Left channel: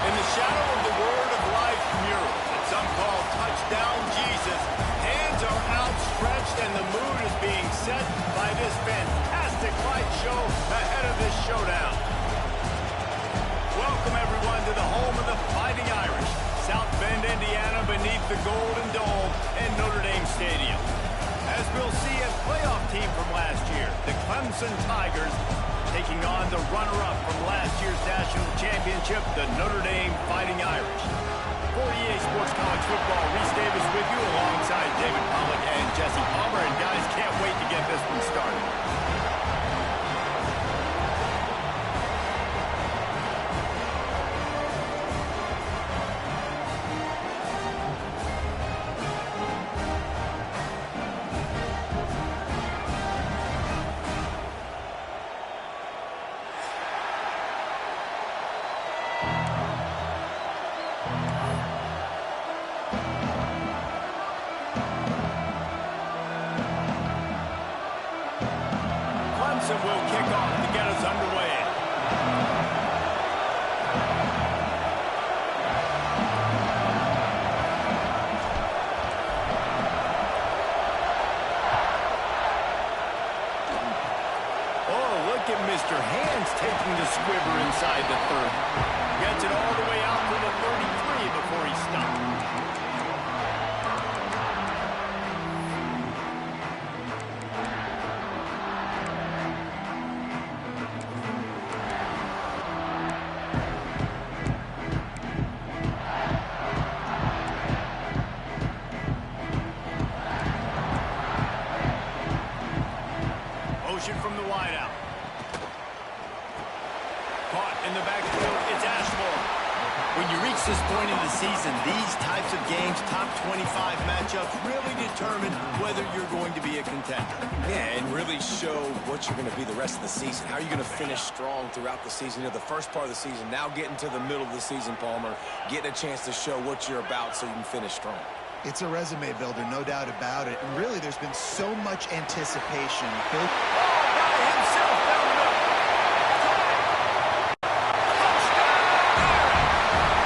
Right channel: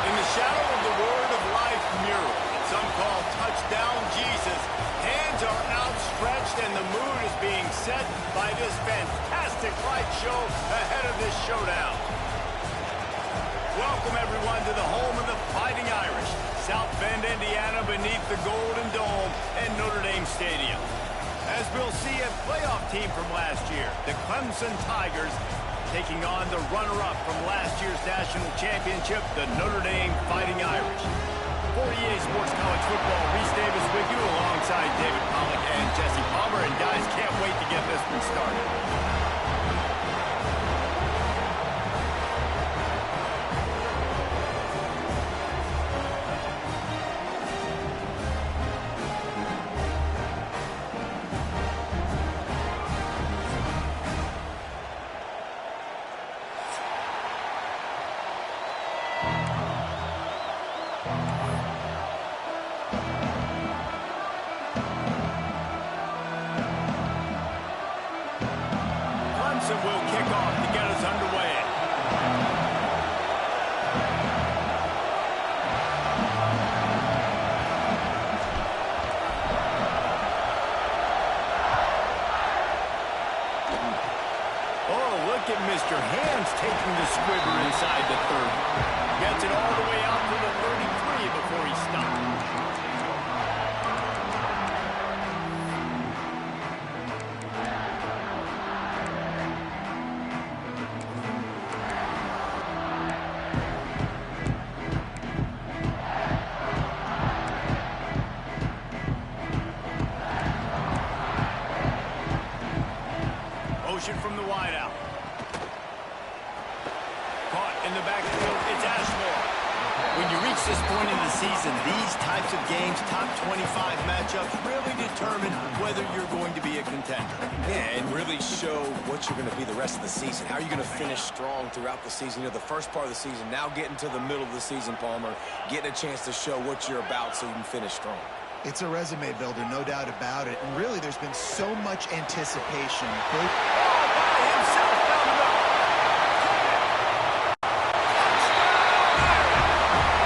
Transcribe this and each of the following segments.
In the shadow of the Word of Life mural that some call Touchdown Jesus, hands are outstretched and the mood is being set by this fantastic light show ahead of this showdown. Welcome, everyone, to the home of the Fighting Irish, South Bend, Indiana, beneath the Golden Dome and Notre Dame Stadium. As we'll see a playoff team from last year, the Clemson Tigers, taking on the runner-up from last year's national championship, the Notre Dame Fighting Irish. For EA Sports College Football, Reese Davis with you alongside David Pollack and Jesse Palmer. And guys, can't wait to get this one started. Will kick off to get us underway. Oh, look at Mr. Hands taking the squibber inside the 30. Gets it all the way out to the 33 before he stops. From the wideout. Caught in the backfield, it's Ashmore. When you reach this point in the season, these types of games, top 25 matchups, really determine whether you're going to be a contender. Yeah, and really show what you're going to be the rest of the season. How are you going to finish strong throughout the season? You know, the first part of the season, now getting to the middle of the season, Palmer, getting a chance to show what you're about so you can finish strong. It's a resume builder, no doubt about it. And really, there's been so much anticipation built himself down the middle. Touchdown, Irish!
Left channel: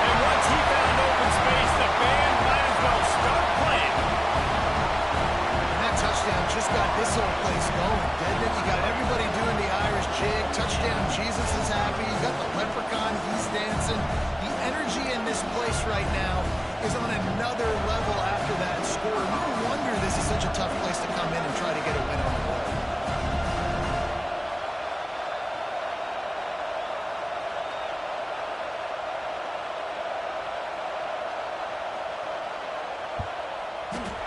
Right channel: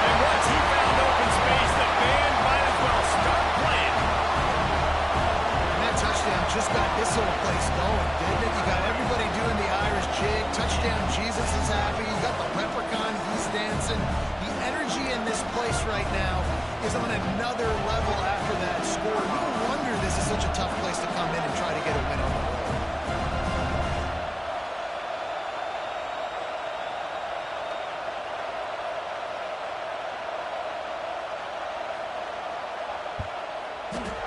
And once he found open space, the band might as well start playing. And that touchdown just got this whole place going, didn't it? You got everybody doing the Irish jig. Touchdown, Jesus is happy. You got the leprechaun, he's dancing. The energy in this place right now is on another level after that score. No wonder this is such a tough place to come in and try to get a win on the road.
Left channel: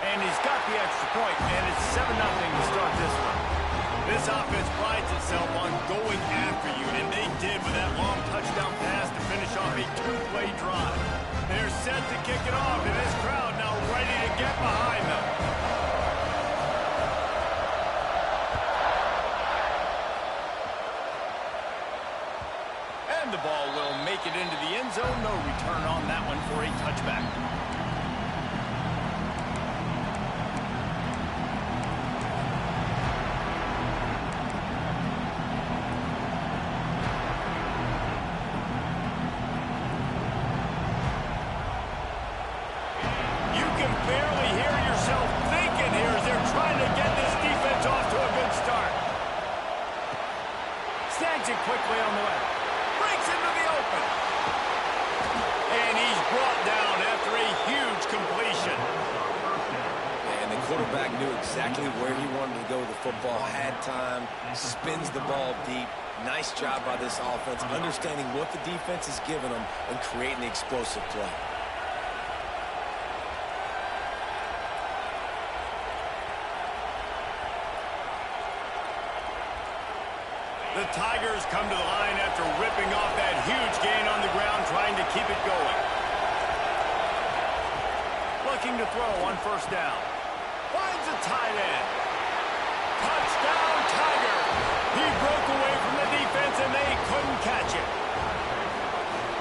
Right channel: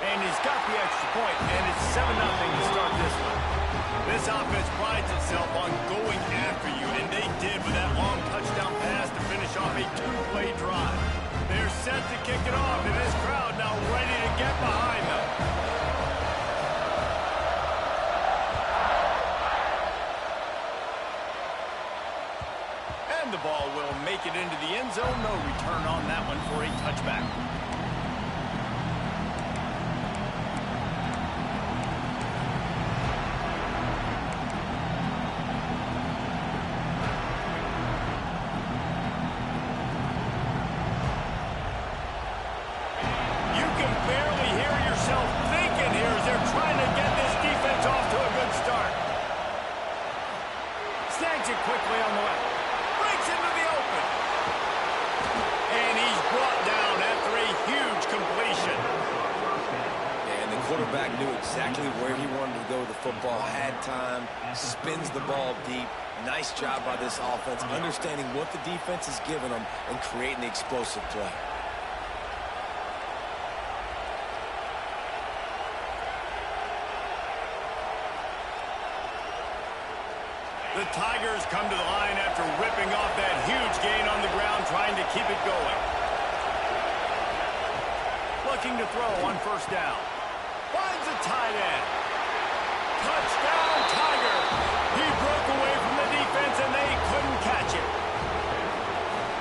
And he's got the extra point, and it's 7-0 to start this one. This offense prides itself on going after you, and they did with that long touchdown pass to finish off a two-play drive. They're set to kick it off, and this crowd now ready to get behind them. And the ball will make it into the end zone. No return on that one for a touchback. Barely hear yourself thinking here as they're trying to get this defense off to a good start. Snags it quickly on the left. Breaks into the open. And he's brought down after a huge completion. And the quarterback knew exactly where he wanted to go with the football, had time, spins the ball deep. Nice job by this offense, understanding what the defense is giving them and creating the explosive play. The Tigers come to the line after ripping off that huge gain on the ground, trying to keep it going. Looking to throw on first down. Finds a tight end. Touchdown, Tigers! He broke away from the defense, and they couldn't catch him.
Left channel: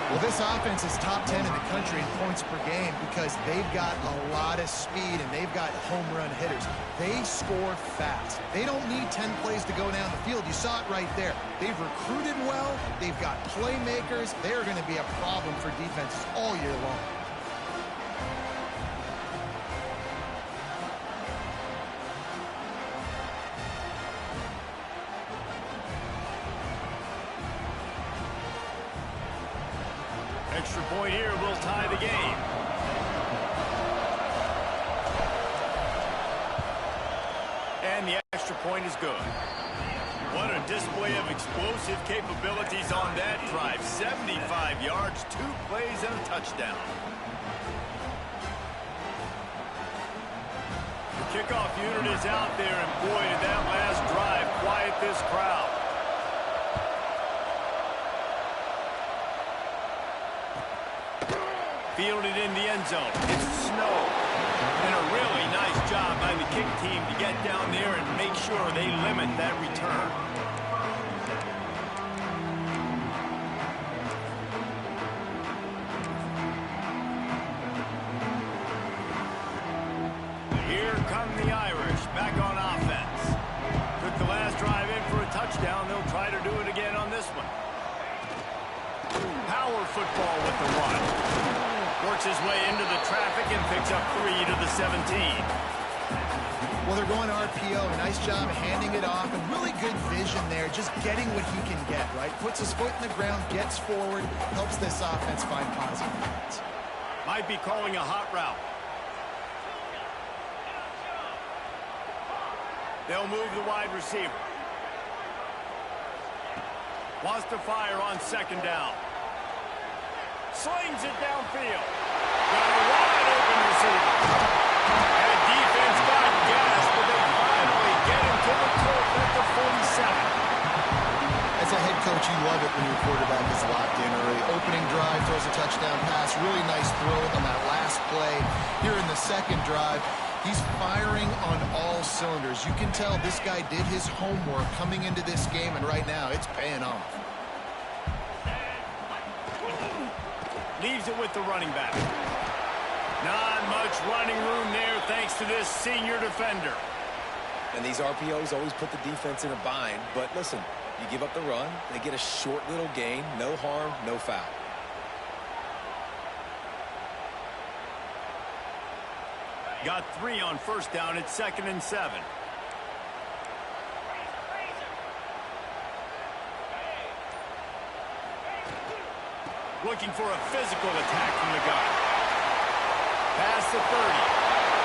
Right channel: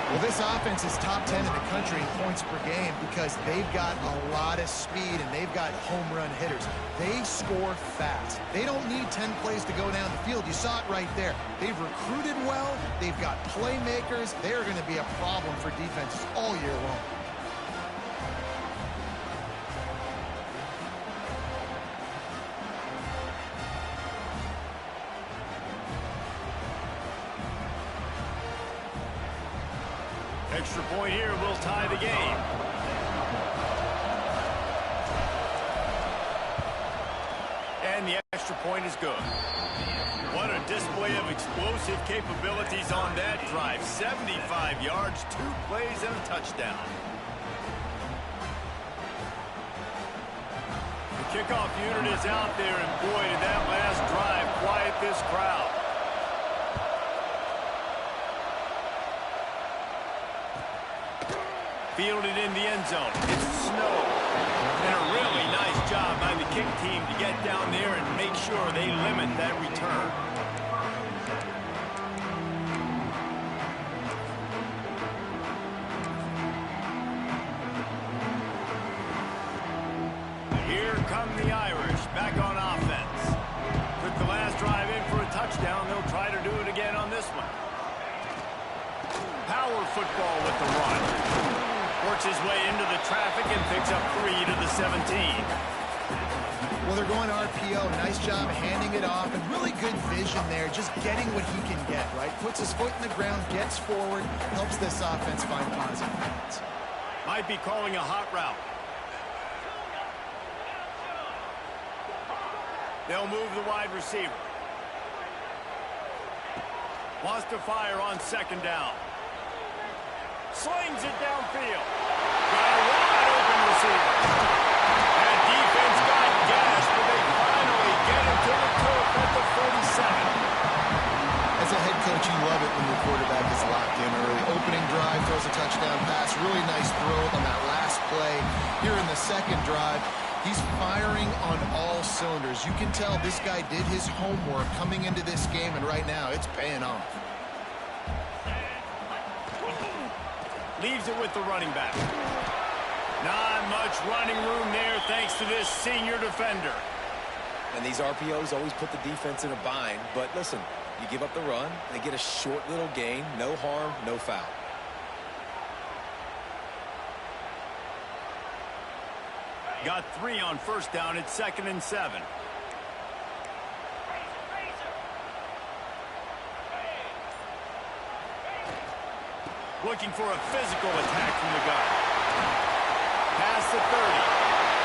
Well, this offense is top 10 in the country in points per game because they've got a lot of speed and they've got home run hitters. They score fast. They don't need 10 plays to go down the field. You saw it right there. They've recruited well. They've got playmakers. They're going to be a problem for defenses all year long. Extra point here will tie the game. And the extra point is good. What a display of explosive capabilities on that drive. 75 yards, 2 plays, and a touchdown. The kickoff unit is out there, and boy, did that last drive quiet this crowd. Fielded in the end zone. It's snow. And a really nice job by the kick team to get down there and make sure they limit that return. Here come the Irish back on offense. Took the last drive in for a touchdown. They'll try to do it again on this one. Power football with the run. Works his way into the traffic and picks up 3 to the 17. Well, they're going RPO. Nice job handing it off, and really good vision there, just getting what he can get, right? Puts his foot in the ground, gets forward, helps this offense find positive points. Might be calling a hot route. They'll move the wide receiver. Wants to fire on second down. Slings it downfield. Got a wide open receiver. That defense got gashed, but they finally get him to the turf at the 47. As a head coach, you love it when your quarterback is locked in early. Opening drive, throws a touchdown pass. Really nice throw on that last play. Here in the second drive, he's firing on all cylinders. You can tell this guy did his homework coming into this game, and right now it's paying off. Leaves it with the running back. Not much running room there thanks to this senior defender. And these RPOs always put the defense in a bind. But listen, you give up the run, they get a short little gain, no harm, no foul. Got 3 on first down. It's 2nd and 7. Looking for a physical attack from the guy. Past the 30.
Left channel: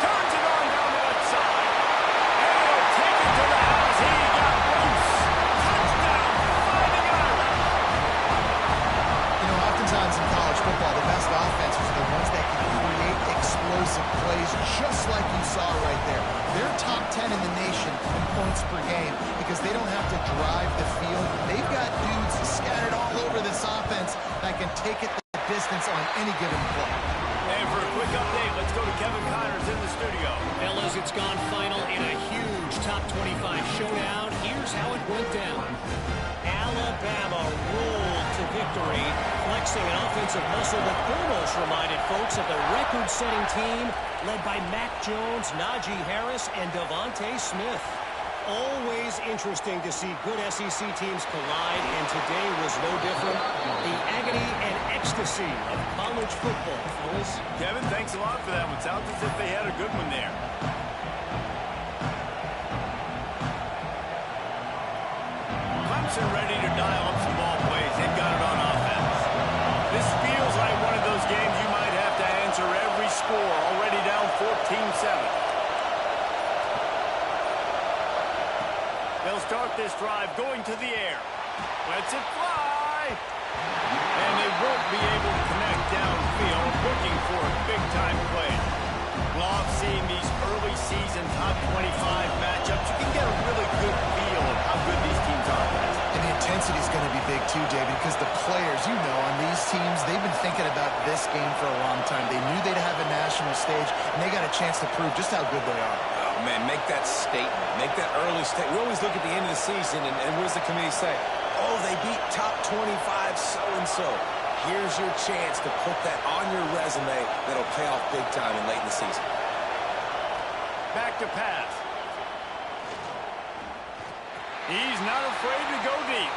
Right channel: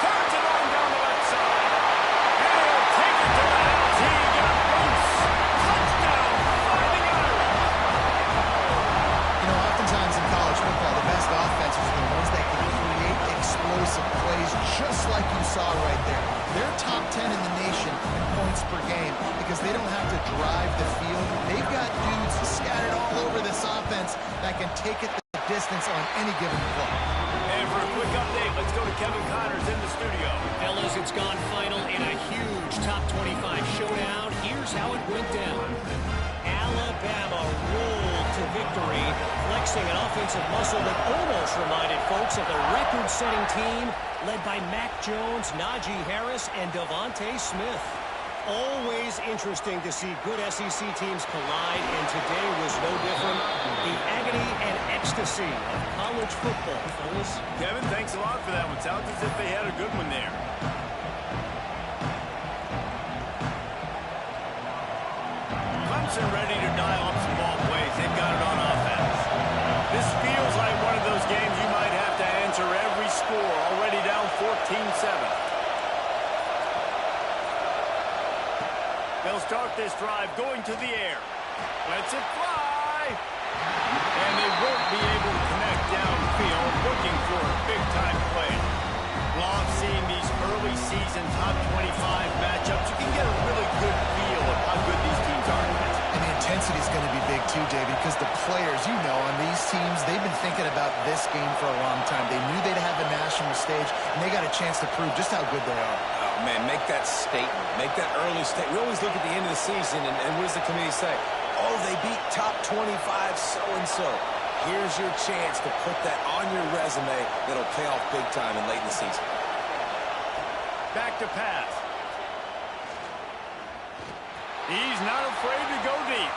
Turns it on down the left side. And he'll take it to the house. He got loose. Touchdown, Fighting Irish. You know, oftentimes in college football, the best offenses are the ones that can create explosive plays just like you saw right there. They're top 10 in the nation in points per game because they don't have to drive the field. They've got dudes scattered all over this offense that can take it the distance on any given play. And for a quick update, let's go to Kevin Connors in the studio. Fellas, it's gone final in a huge top 25 showdown. Here's how it went down. Alabama rolled to victory, flexing an offensive muscle that almost reminded folks of the record-setting team led by Mac Jones, Najee Harris, and Devontae Smith. Always interesting to see good SEC teams collide, and today was no different. The agony and ecstasy of college football, fellas. Kevin, thanks a lot for that one. Sounds as if they had a good one there. Clemson ready to dial up some ball plays. They've got it on offense. This feels like one of those games you might have to answer every score. Already down 14-7. They'll start this drive going to the air. Lets it fly. And they won't be able to connect downfield, looking for a big-time play. Love seeing these early season top 25 matchups. You can get a really good feel of how good these teams are. And the intensity is going to be big too, David, because the players, you know, on these teams, they've been thinking about this game for a long time. They knew they'd have a national stage, and they got a chance to prove just how good they are. Oh, man, make that statement. Make that early statement. We always look at the end of the season, and what does the committee say? Oh, they beat top 25 so-and-so. Here's your chance to put that on your resume that'll pay off big time and late in the season. Back to pass. He's not afraid to go deep.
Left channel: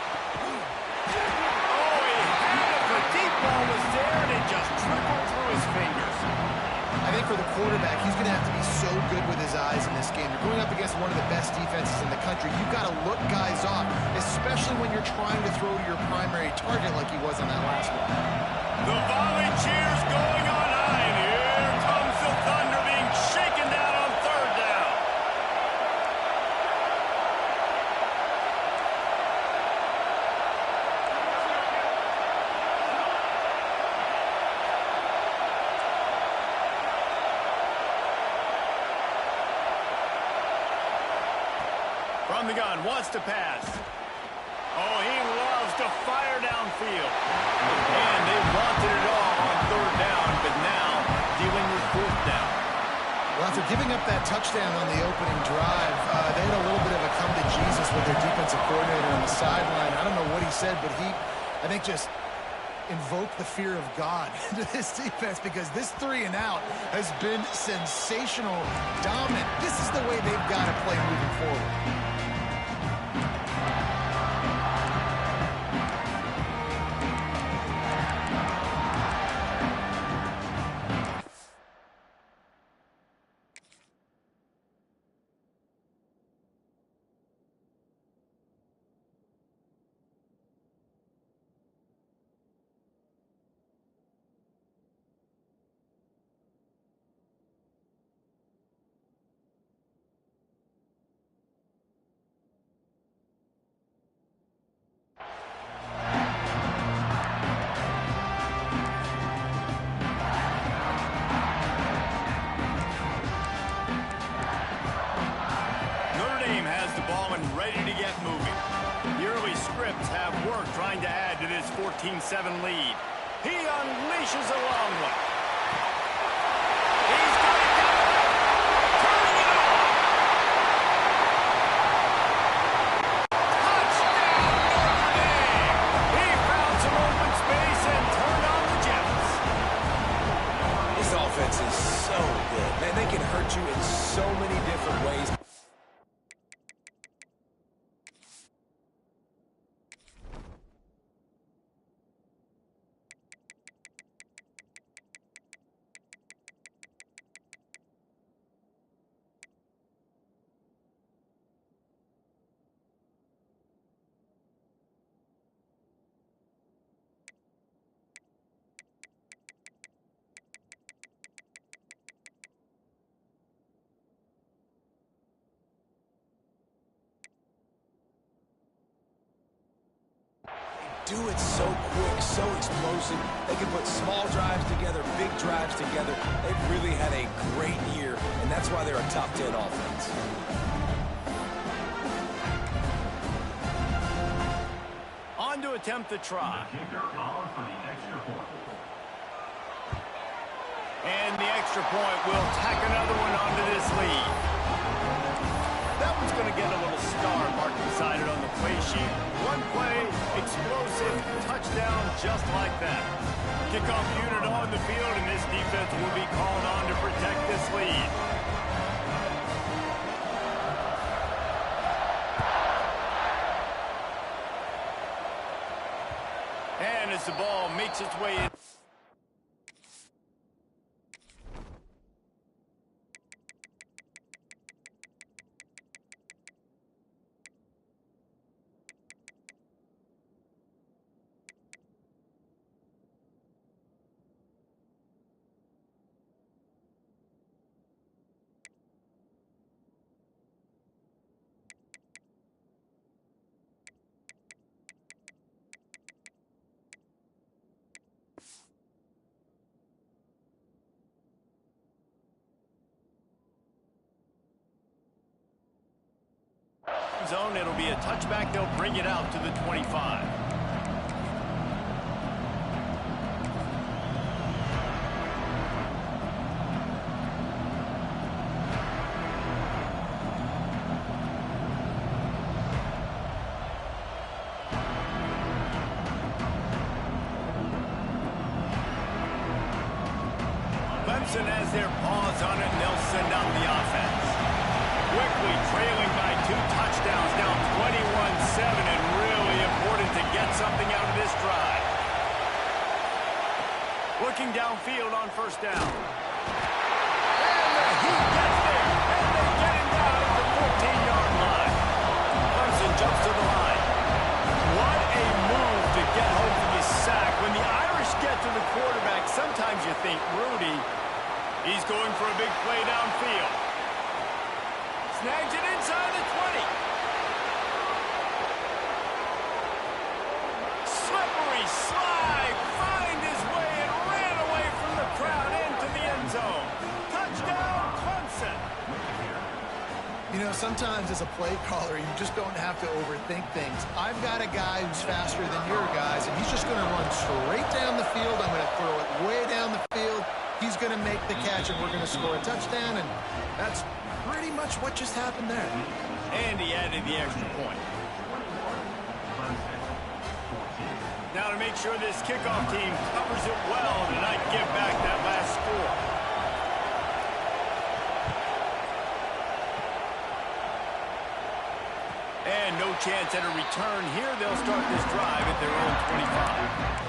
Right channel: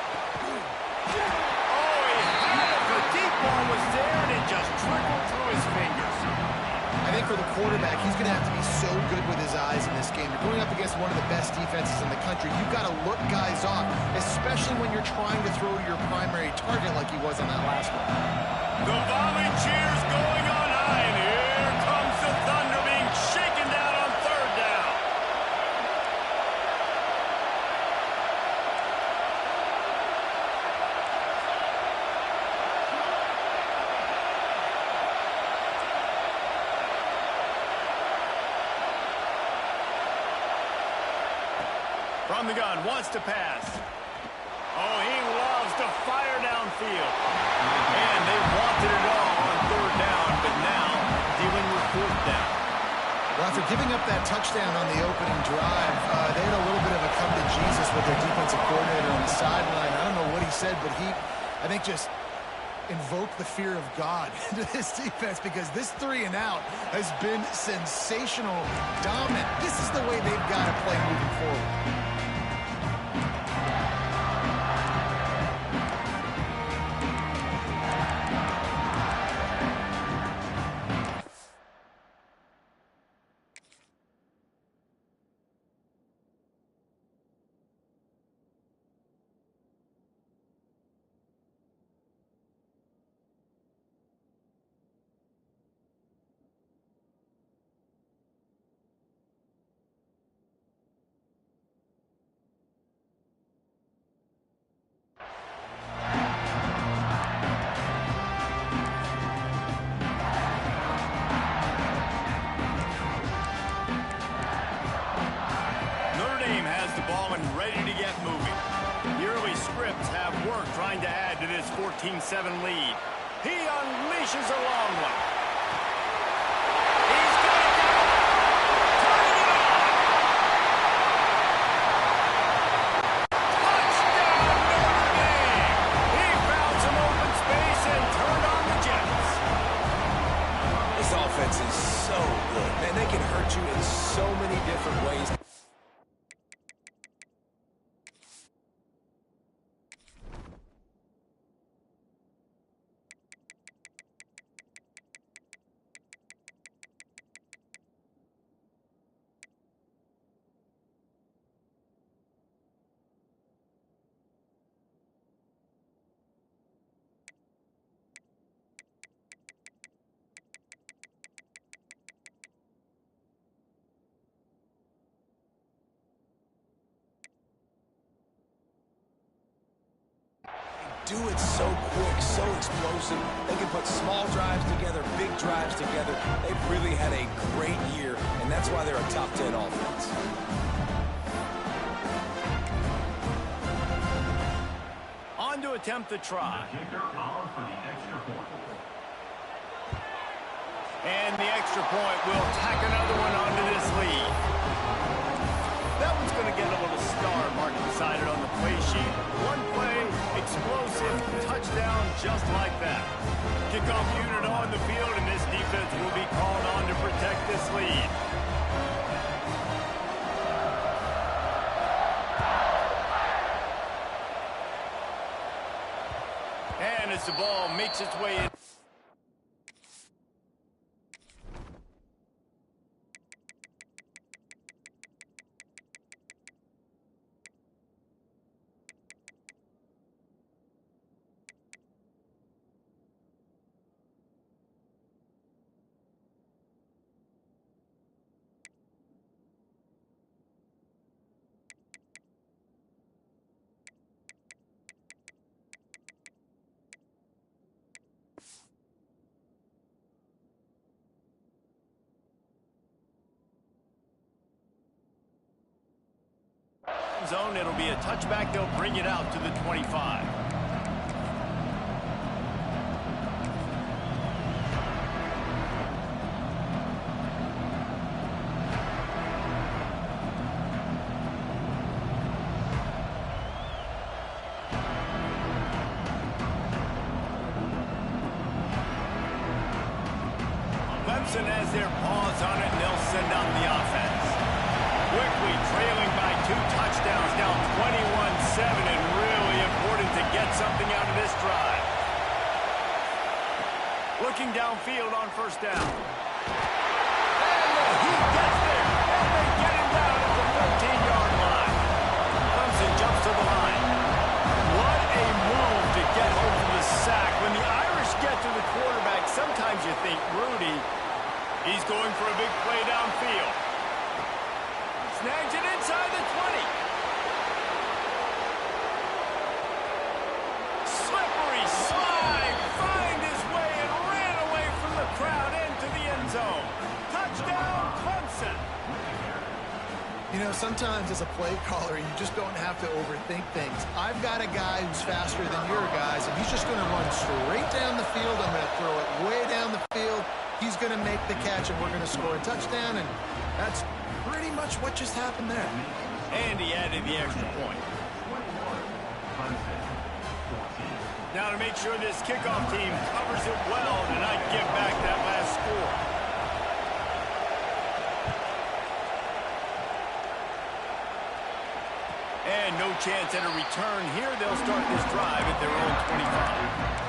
Oh, he had it. The deep ball was there, and it just trickled through his fingers. I think for the quarterback, he's going to have to be so good with his eyes in this game. You're going up against one of the best defenses in the country. You've got to look guys off, especially when you're trying to throw to your primary target like he was on that last one. The volley cheers going on high, and here comes the Thunder being shaken down on third down. From the gun, wants to pass. Oh, he loves to fire downfield. And they wanted it all on third down, but now dealing with fourth down. Well, after giving up that touchdown on the opening drive, they had a little bit of a come to Jesus with their defensive coordinator on the sideline. I don't know what he said, but he, I think, just invoked the fear of God into this defense, because this 3 and out has been sensational, dominant. This is the way they've got to play moving forward. Ready to get moving. The early scripts have worked trying to add to this 14-7 lead. He unleashes a long one. He's got it down. Turning it on. Touchdown, Notre Dame. He found some open space and turned on the Jets. This offense is so good. Man, they can hurt you in so many different ways. Do it so quick, so explosive. They can put small drives together, big drives together. They've really had a great year, and that's why they're a top 10 offense. On to attempt the try. And the extra point will tack another one onto this lead. That one's going to get a little star mark beside it on the play sheet. One play, explosive, touchdown, just like that. Kickoff unit on the field, and this defense will be called on to protect this lead. And as the ball makes its way in. Zone, it'll be a touchback. They'll bring it out to the 25. Clemson has their paws on it, and they'll send out the offense. Quickly trailing by 2 touchdowns, now 21-7, and really important to get something out of this drive. Looking downfield on first down. And he gets there, and they get him down at the 14-yard line. Clemson jumps to the line. What a move to get home from the sack. When the Irish get to the quarterback, sometimes you think, Rudy, he's going for a big play downfield. Snags it inside the 20. Slippery slide, find his way and ran away from the crowd into the end zone. Touchdown, Clemson. You know, sometimes as a play caller, you just don't have to overthink things. I've got a guy who's faster than your guys, and he's just going to run straight down the field. I'm going to throw it way down the field. He's going to make the catch, and we're going to score a touchdown, and that's pretty much what just happened there. And he added the extra point. Now to make sure this kickoff team covers it well tonight, give back that last score. And no chance at a return here. They'll start this drive at their own 25.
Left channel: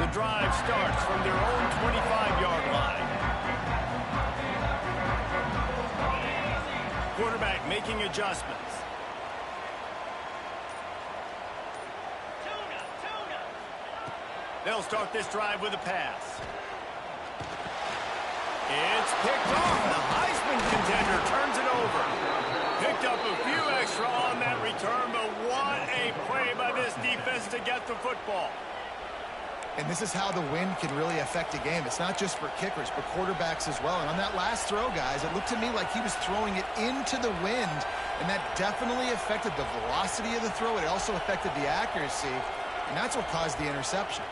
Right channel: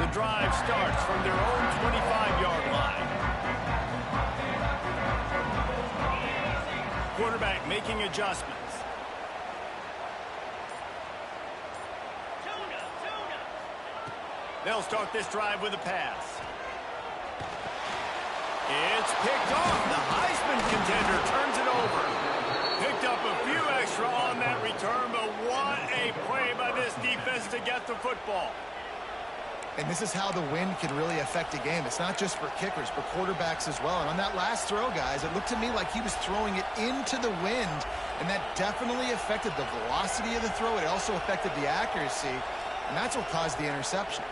The drive starts from their own 25-yard line. Quarterback making adjustments. They'll start this drive with a pass. It's picked off. The Heisman contender turns it over. Picked up a few extra on that return, but what a play by this defense to get the football. And this is how the wind can really affect a game. It's not just for kickers, but quarterbacks as well. And on that last throw, guys, it looked to me like he was throwing it into the wind, and that definitely affected the velocity of the throw. It also affected the accuracy, and that's what caused the interception.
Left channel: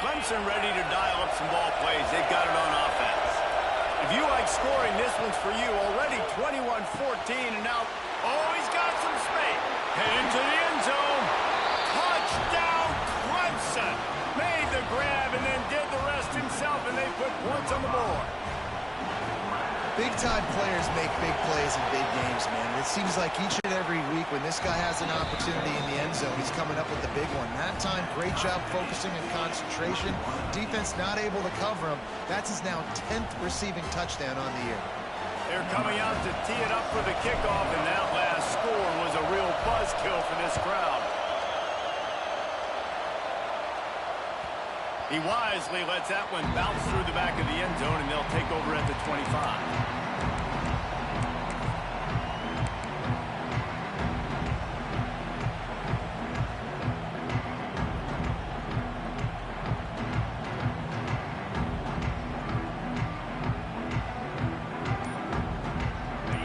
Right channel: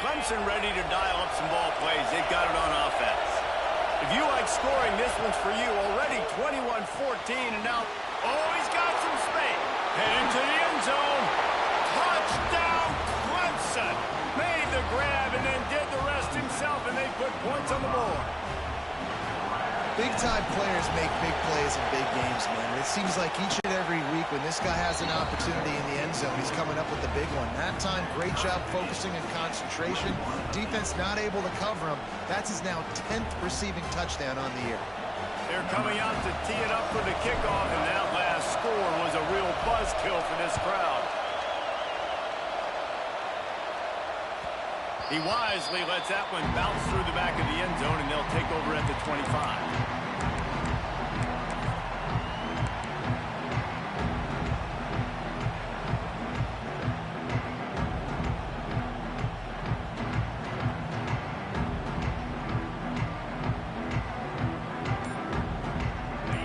Clemson ready to dial up some ball plays. They've got it on offense. If you like scoring, this one's for you. Already 21-14, and now, oh, he's got some space. Heading to the end zone. Touchdown, Clemson. Made the grab and then did the rest himself, and they put points on the board. Big-time players make big plays in big games, man. It seems like each and every week when this guy has an opportunity in the end zone, he's coming up with the big one. That time, great job focusing and concentration. Defense not able to cover him. That's his now 10th receiving touchdown on the year. They're coming out to tee it up for the kickoff, and that last score was a real buzzkill for this crowd. He wisely lets that one bounce through the back of the end zone, and they'll take over at the 25.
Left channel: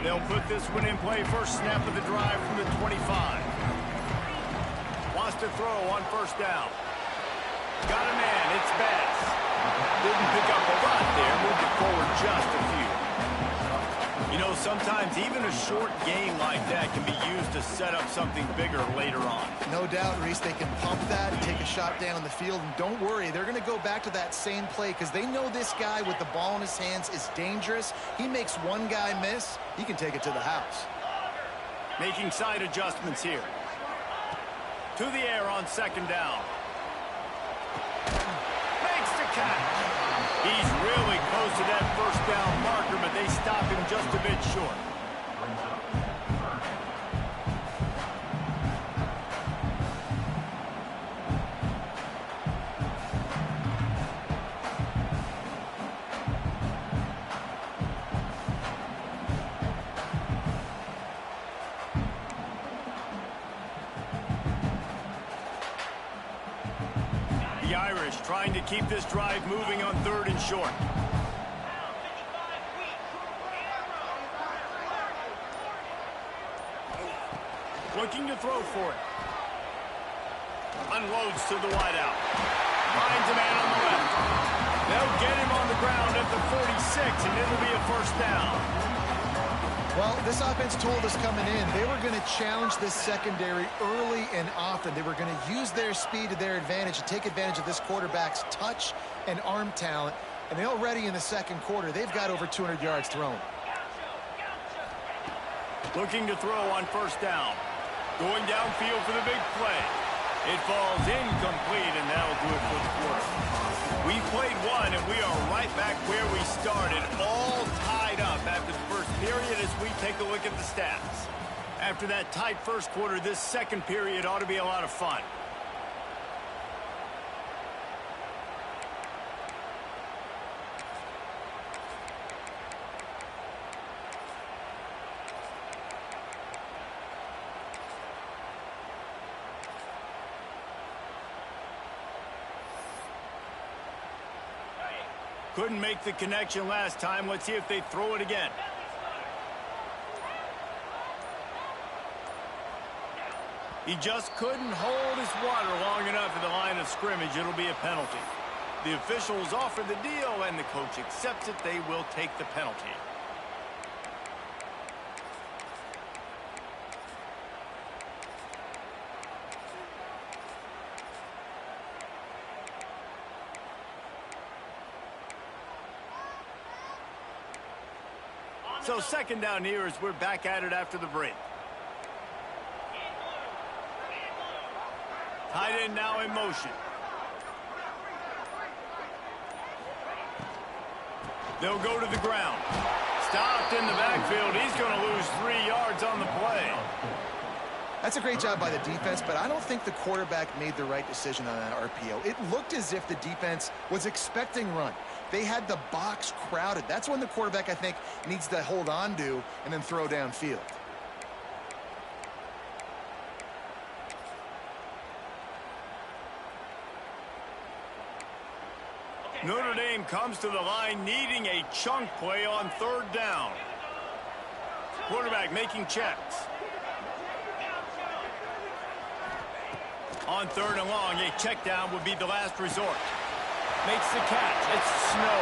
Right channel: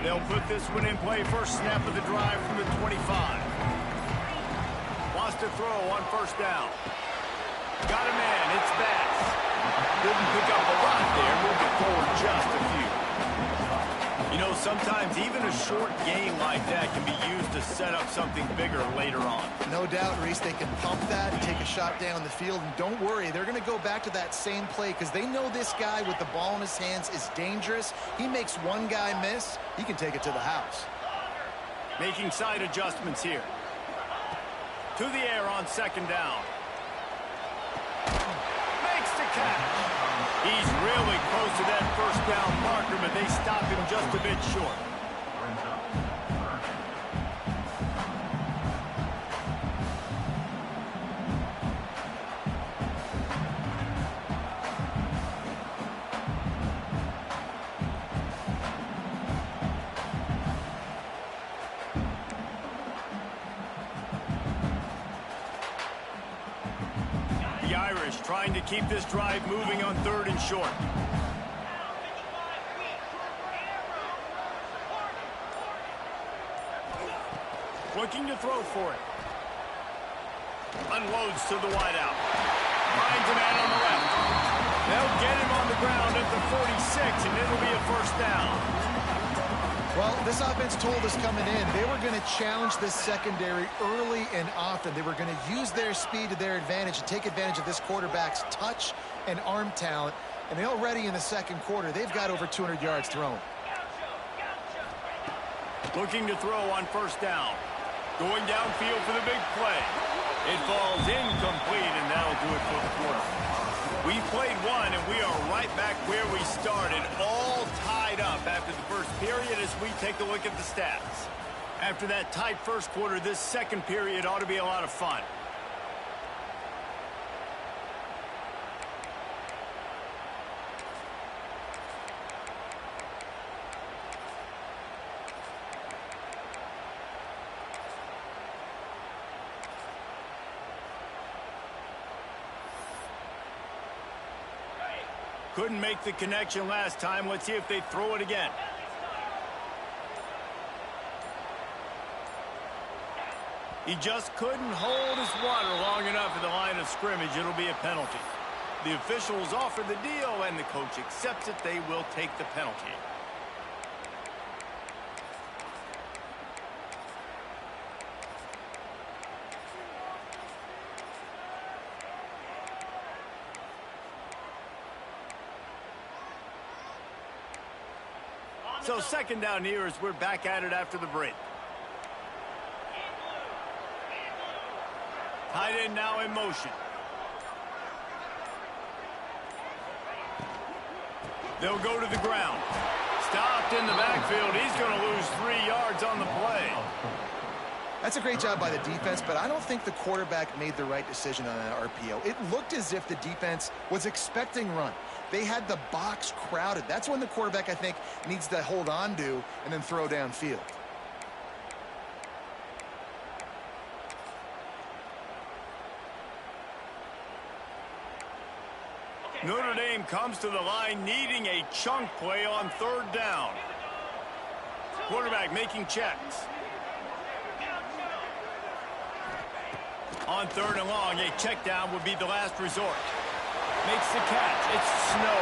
They'll put this one in play. First snap of the drive from the 25. Wants to throw on first down. Got a man, it's Bass. Didn't pick up a lot there, moved it forward just a few. You know, sometimes even a short game like that can be used to set up something bigger later on. No doubt, Reese, they can pump that and take a shot down the field. And don't worry, they're going to go back to that same play because they know this guy with the ball in his hands is dangerous. He makes one guy miss, he can take it to the house. Making side adjustments here. To the air on second down. Makes the catch. He's really close to that first down marker, but they stop him just a bit short. The Irish trying to keep this drive moving on third and short. Looking to throw for it. Unloads to the wideout. Finds a man on the left. They'll get him on the ground at the 46, and it'll be a first down. Well, this offense told us coming in they were going to challenge this secondary early and often. They were going to use their speed to their advantage and take advantage of this quarterback's touch and arm talent. And already in the second quarter, they've got over 200 yards thrown. Looking to throw on first down. Going downfield for the big play. It falls incomplete, and that'll do it for the quarter. We played one, and we are right back where we started, all tied up after the first period as we take a look at the stats. After that tight first quarter, this second period ought to be a lot of fun. Couldn't make the connection last time. Let's see if they throw it again. He just couldn't hold his water long enough at the line of scrimmage. It'll be a penalty. The officials offer the deal, and the coach accepts it. They will take the penalty. So second down here as we're back at it after the break. Tight end now in motion. They'll go to the ground. Stopped in the backfield. He's going to lose 3 yards on the play. That's a great job by the defense, but I don't think the quarterback made the right decision on that RPO. It looked as if the defense was expecting run. They had the box crowded. That's when the quarterback, I think, needs to hold on to and then throw downfield. Notre Dame comes to the line needing a chunk play on third down. Quarterback making checks. On third and long, a check down would be the last resort. Makes the catch. It's Snow.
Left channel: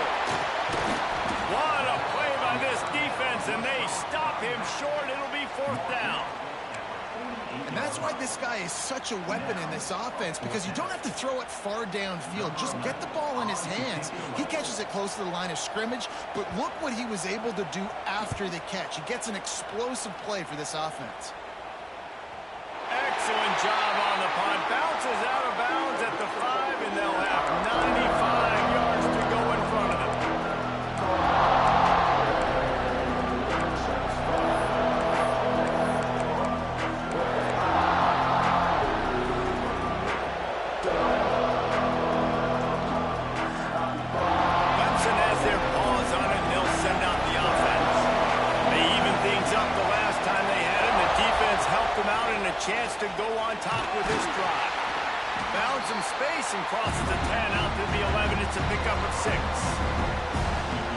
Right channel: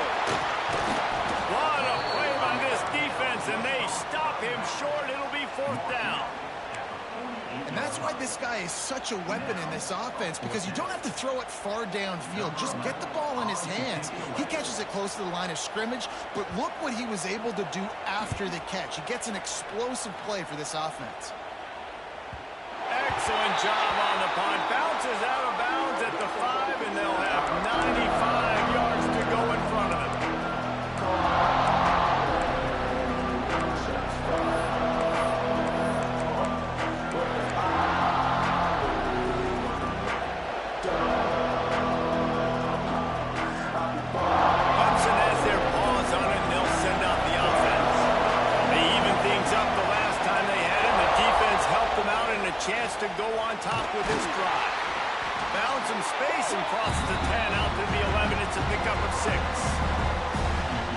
What a play by this defense, and they stop him short. It'll be fourth down. And that's why this guy is such a weapon in this offense, because you don't have to throw it far downfield. Just get the ball in his hands. He catches it close to the line of scrimmage, but look what he was able to do after the catch. He gets an explosive play for this offense. Excellent job on the punt. Bounces out of bounds at the 5, and they'll have 95 yards to go in front of them. Clemson has their paws on it, and they'll send out the offense. They even things up the last time they had it. The defense helped them out and a chance to go on top with this drive. Found some space and crosses the 10 out to the 11. It's a pickup of 6.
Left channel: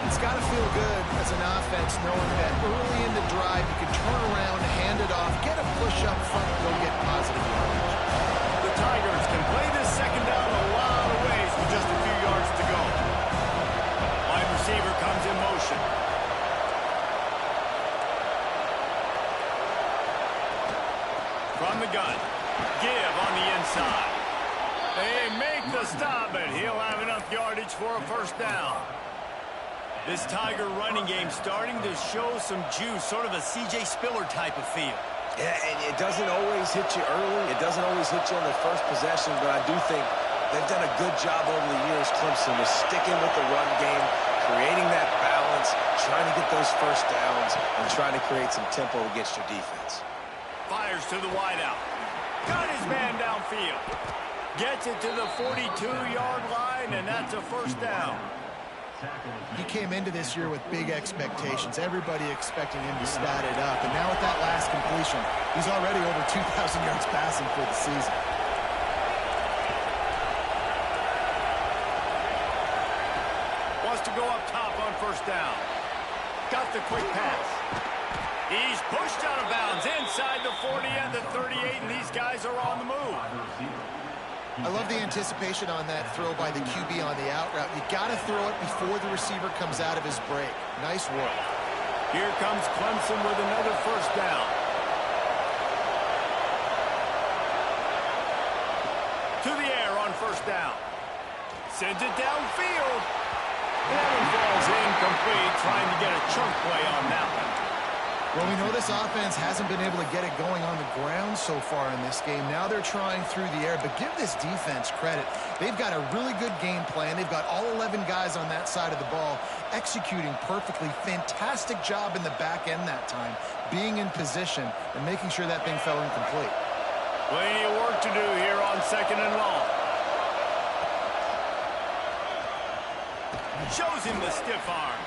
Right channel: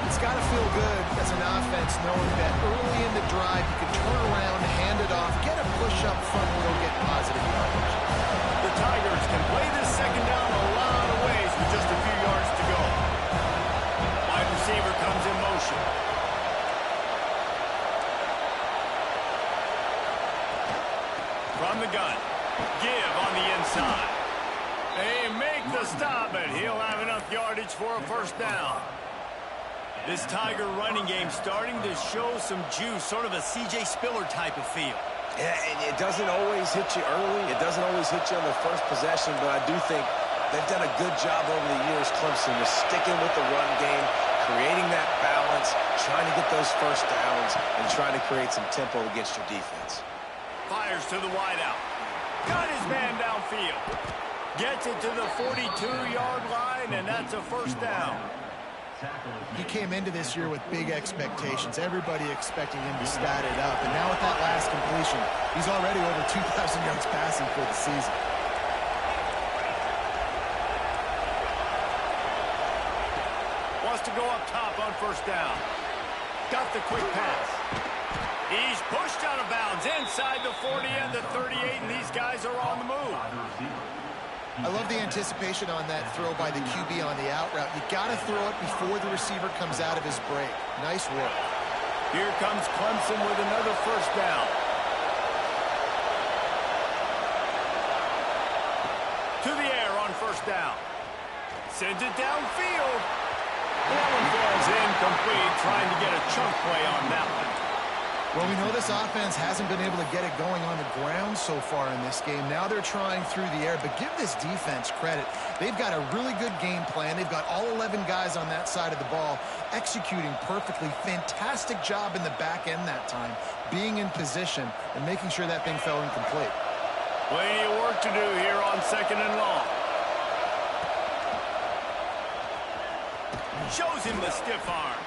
It's got to feel good as an offense knowing that early in the drive you can turn around, hand it off, get a push up front, and go get positive yardage. The Tigers can play this second down a lot of ways with just a few yards to go. Wide receiver comes in motion. From the gun, give on the inside. They make the stop, but he'll have enough yardage for a first down. This Tiger running game starting to show some juice, sort of a C.J. Spiller type of feel. Yeah, and it doesn't always hit you early. It doesn't always hit you on the first possession, but I do think they've done a good job over the years, Clemson, with sticking with the run game, creating that balance, trying to get those first downs, and trying to create some tempo against your defense. Fires to the wideout. Got his man downfield. Gets it to the 42-yard line, and that's a first down. He came into this year with big expectations. Everybody expecting him to stat it up. And now with that last completion, he's already over 2,000 yards passing for the season. Wants to go up top on first down. Got the quick pass. He's pushed out of bounds inside the 40 and the 38, and these guys are on the move. I love the anticipation on that throw by the QB on the out route. You got to throw it before the receiver comes out of his break. Nice work. Here comes Clemson with another first down. To the air on first down. Sends it downfield. That one falls incomplete, trying to get a chunk play on that one. Well, we know this offense hasn't been able to get it going on the ground so far in this game. Now they're trying through the air, but give this defense credit. They've got a really good game plan. They've got all 11 guys on that side of the ball executing perfectly. Fantastic job in the back end that time, being in position and making sure that thing fell incomplete. Plenty of work to do here on 2nd and long. Shows him the stiff arm.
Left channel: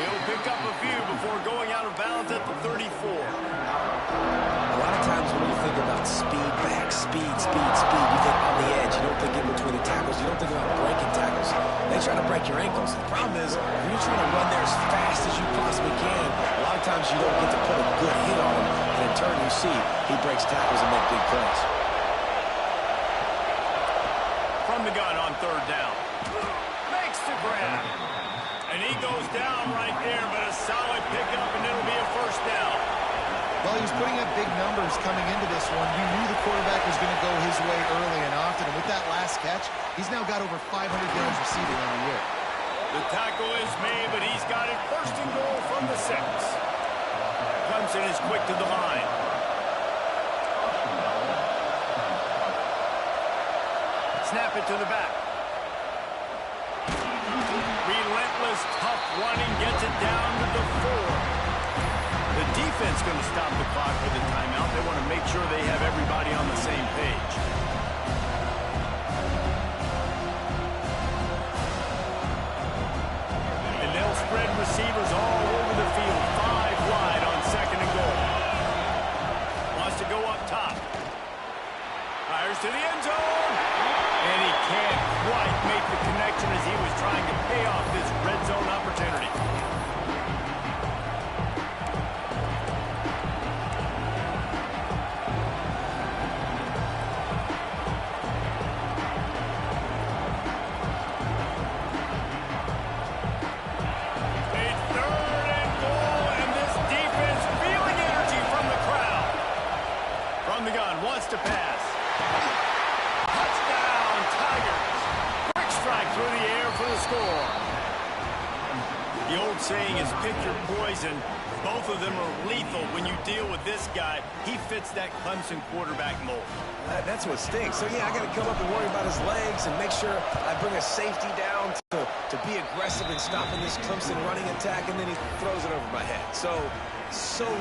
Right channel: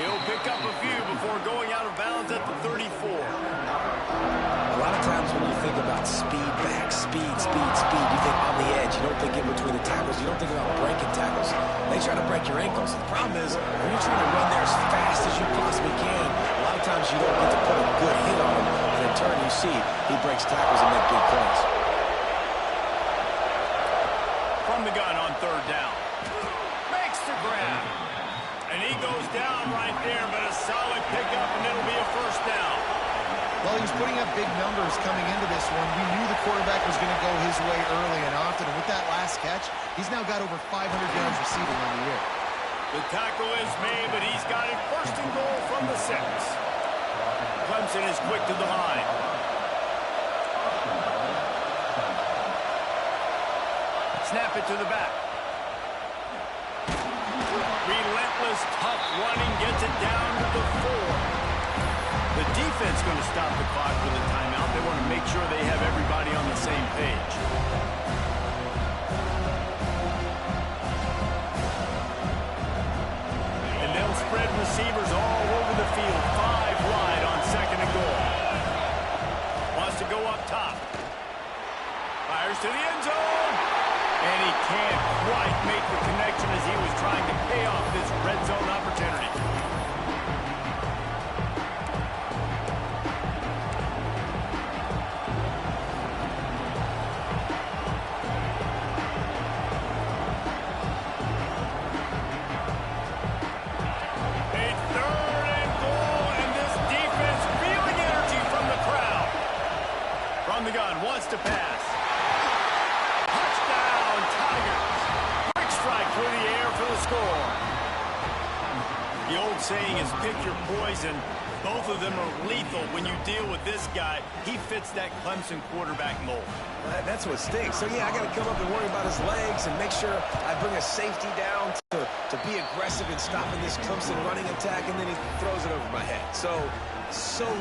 He'll pick up a few before going out of bounds at the 34. A lot of times when you think about speed back, speed, you think on the edge. You don't think in between the tackles. You don't think about breaking tackles. They try to break your ankles. The problem is when you're trying to run there as fast as you possibly can, a lot of times you don't get to put a good hit on him. And in turn, you see he breaks tackles and makes big plays. From the gun on 3rd down. Makes the grab. And he goes down right there, but a solid pickup, and it'll be a first down. Well, he was putting up big numbers coming into this one. You knew the quarterback was going to go his way early and often, and with that last catch, he's now got over 500 yards receiving on the year. The tackle is made, but he's got it 1st and goal from the 6. Clemson is quick to the line. Snap it to the back. Relentless, tough running, gets it down to the 4. The defense going to stop the clock with a timeout. They want to make sure they have everybody on the same page. And they'll spread receivers all over the field. 5 wide on 2nd and goal. Wants to go up top. Fires to the end zone. And he can't quite make the connection as he was trying to pay off this red zone opportunity. A 3rd and goal, and this defense feeling energy from the crowd. From the gun, wants to pass. Tigers. Quick strike through the air for the score. The old saying is pick your poison. Both of them are lethal when you deal with this guy. He fits that Clemson quarterback mold. That's what stinks. So, yeah, I got to come up and worry about his legs and make sure I bring a safety down to be aggressive in stopping this Clemson running attack, and then he throws it over my head. So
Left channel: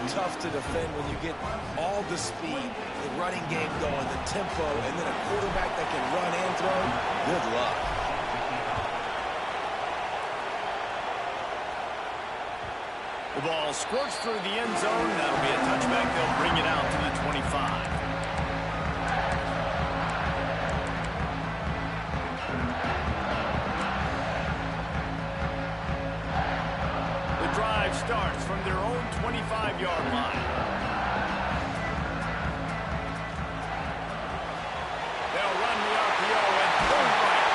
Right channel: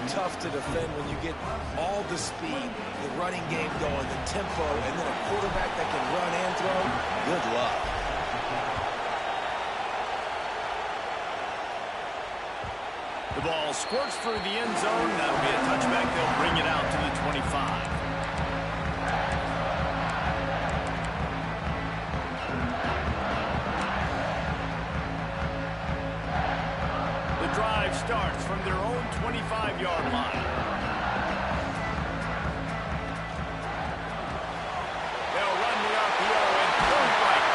tough to defend when you get all the speed, the running game going, the tempo, and then a quarterback that can run and throw. Good luck. The ball squirts through the end zone. That'll be a touchback. They'll bring it out to the 25. The drive starts from their own 25-yard line. They'll run the RPO and point right.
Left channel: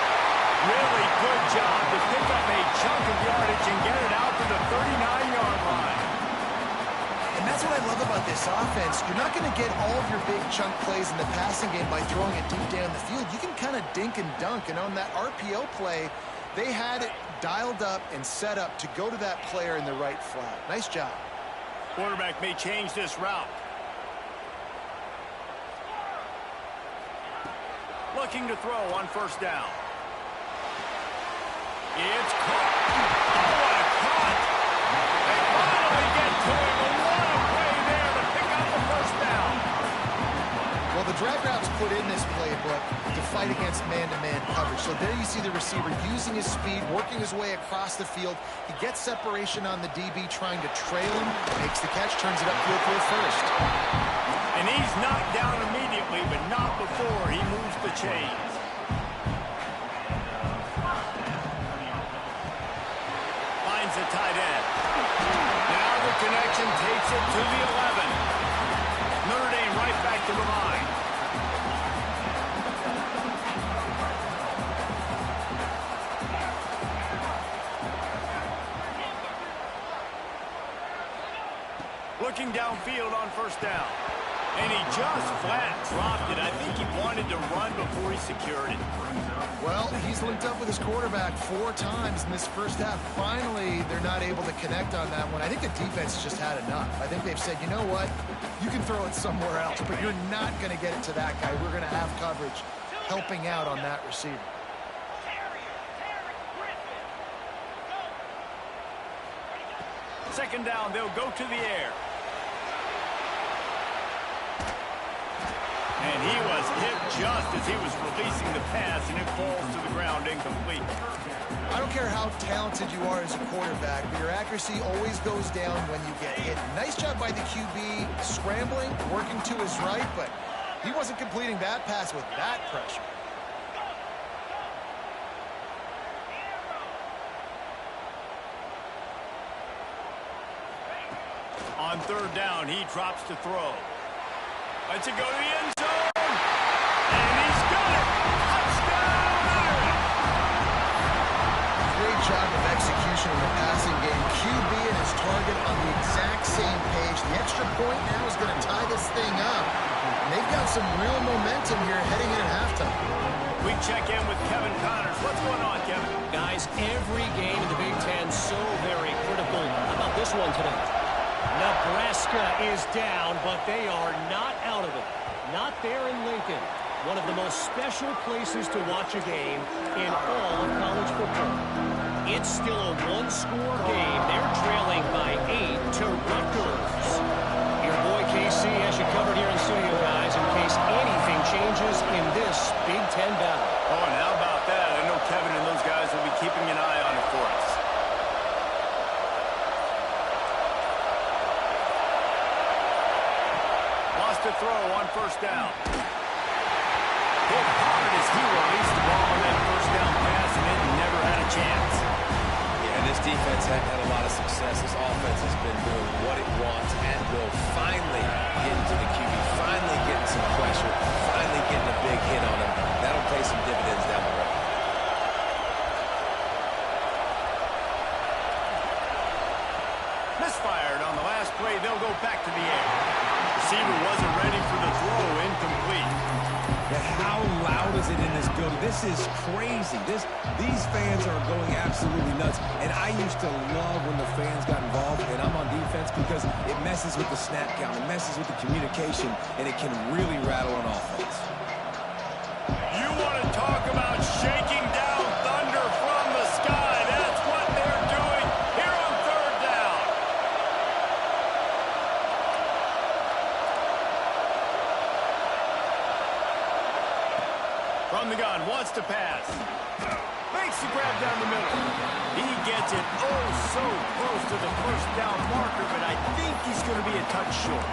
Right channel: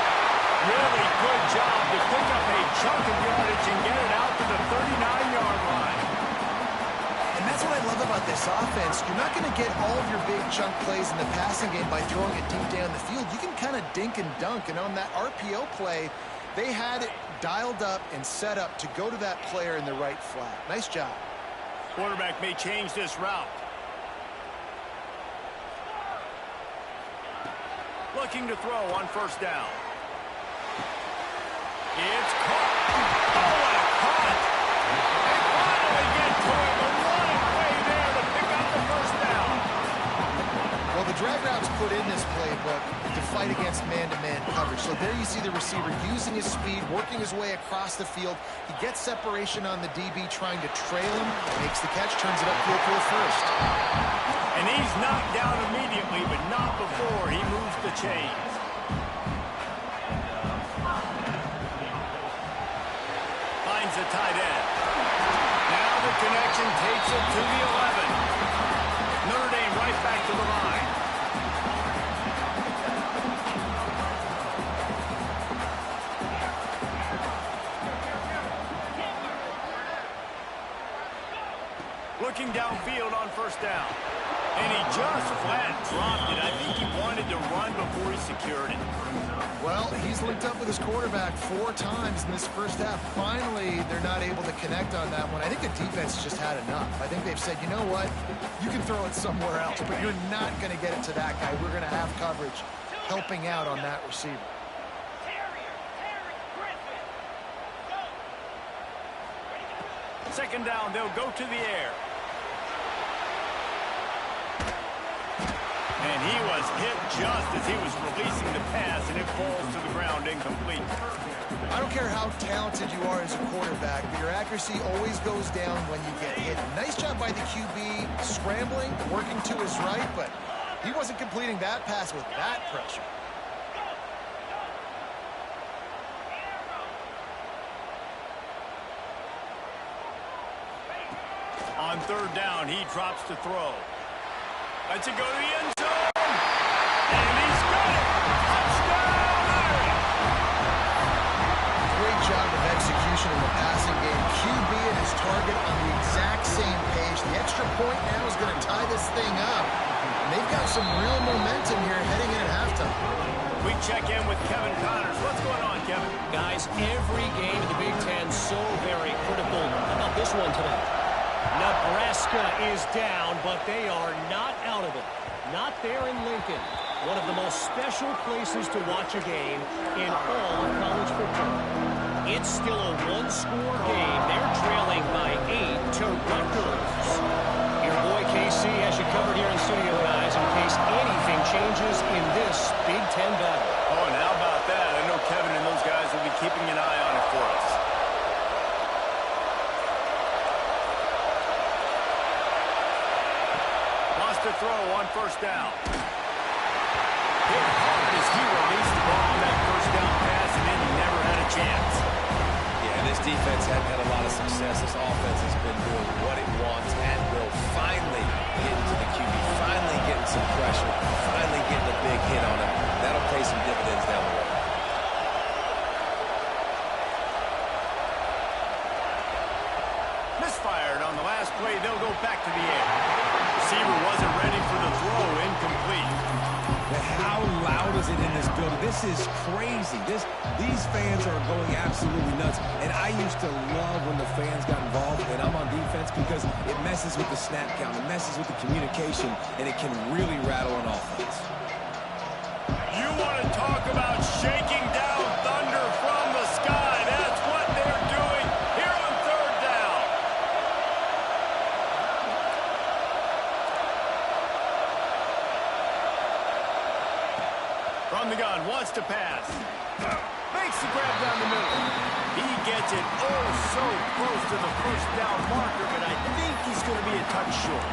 Really good job to pick up a chunk of yardage and get it out to the 39-yard line. And that's what I love about this offense. You're not going to get all of your big chunk plays in the passing game by throwing it deep down the field. You can kind of dink and dunk, and on that RPO play, they had it dialed up and set up to go to that player in the right flat. Nice job. Quarterback may change this route. Looking to throw on first down. It's caught. Oh, what a cut. They finally get to him, but what a play there to pick up the first down. Well, the drag routes put in this playbook to fight against man-to-man coverage. So there you see the receiver using his speed, working his way across the field. He gets separation on the DB, trying to trail him, makes the catch, turns it upfield for the first. And he's knocked down immediately, but not before he moves the chains. Finds a tight end. Now the connection takes it to the 11. Notre Dame right back to the line. looking downfield on first down. And he just flat dropped it. I think he wanted to run before he secured it. Well, he's linked up with his quarterback 4 times in this first half. Finally, they're not able to connect on that one. I think the defense just had enough. I think they've said, you know what? You can throw it somewhere else, but you're not going to get it to that guy. We're going to have coverage helping out on that receiver. Second down, they'll go to the air. And he was hit just as he was releasing the pass, and it falls to the ground incomplete. I don't care how talented you are as a quarterback, but your accuracy always goes down when you get hit. Nice job by the QB scrambling, working to his right, but he wasn't completing that pass with that pressure. On third down, he drops to throw. Lets it go to the end zone. And he's got it. Touchdown, Irish. Great job of execution in the passing game. QB and his target on the exact same page. The extra point now is going to tie this thing up. And they've got some real momentum here heading in at halftime. We check in with Kevin Connors. What's going on, Kevin? Guys, every game in the Big Ten so very critical. How about this one today? Nebraska is down, but they are not out of it. Not there in Lincoln. One of the most special places to watch a game in all of college football. It's still a one-score game. They're trailing by 8 to Rutgers. Your boy KC has you covered here in studio, guys, in case anything changes in this Big Ten battle. Oh, and how about that? I know Kevin and those guys will be keeping an eye on it for us. To throw on first down. Hit hard as he released the ball on that first down pass, and it never had a chance. Yeah, this defense hadn't had a lot of success. This offense has been doing what it wants and will. Finally getting to the QB, finally getting some pressure, finally getting a big hit on him. That'll pay some dividends down the road. Misfired on the last play. They'll go back to the air. Receiver wasn't ready for the throw. Incomplete. How loud is it in this building? This is crazy. These fans are going absolutely nuts. And I used to love when the fans got involved, and I'm on defense, because it messes with the snap count. It messes with the communication, and it can really rattle an offense. You want to talk about shaking down thunder from the sky. That's what they're doing here on third down. From the gun, wants to pass. Makes the grab down the middle. He gets it so close to the first down marker, but I think he's going to be a touch short.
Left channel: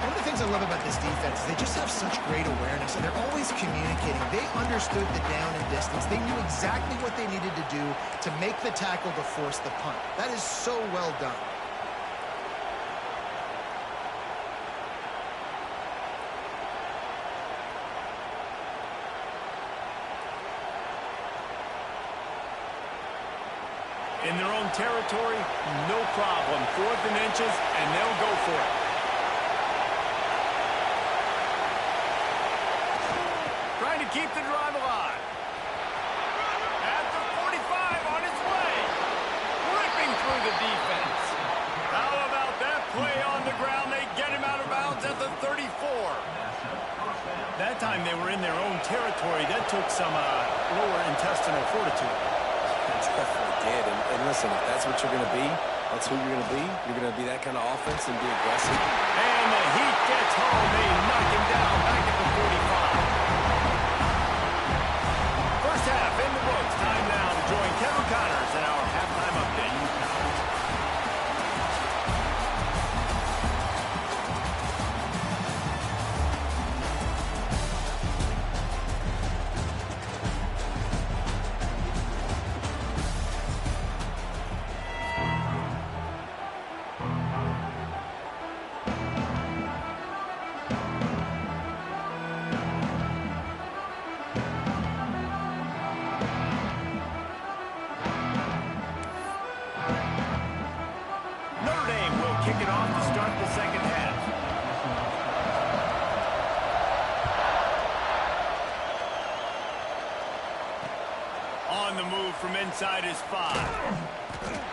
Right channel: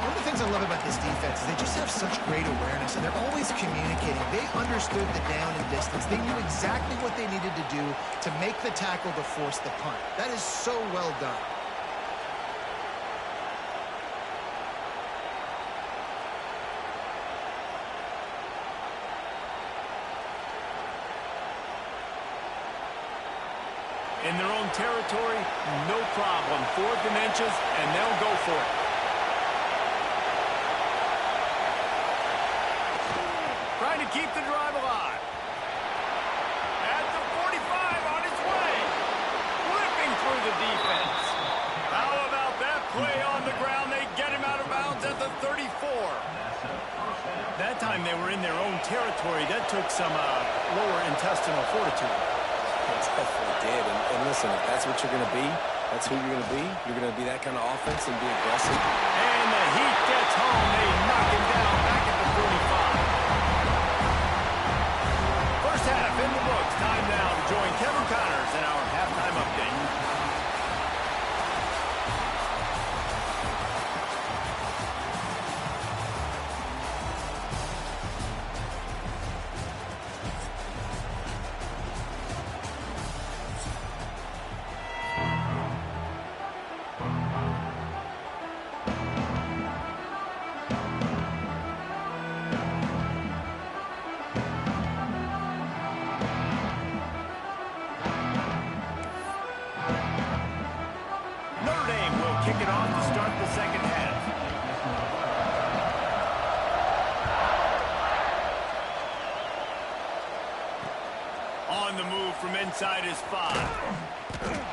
One of the things I love about this defense is they just have such great awareness, and they're always communicating. They understood the down and distance. They knew exactly what they needed to do to make the tackle to force the punt. That is so well done. In their own territory, no problem. 4th and inches, and they'll go for it. Trying to keep the drive alive. At the 45 on his way. Ripping through the defense. How about that play on the ground? They get him out of bounds at the 34. That time they were in their own territory. That took some lower intestinal fortitude. It definitely did. And listen, if that's what you're going to be, that's who you're going to be. You're going to be that kind of offense and be aggressive. And the Heat gets home. They knock him down back at the 45. First half in the books. Time now to join Kevin Connors in our halftime update. second half. On the move from inside his 5.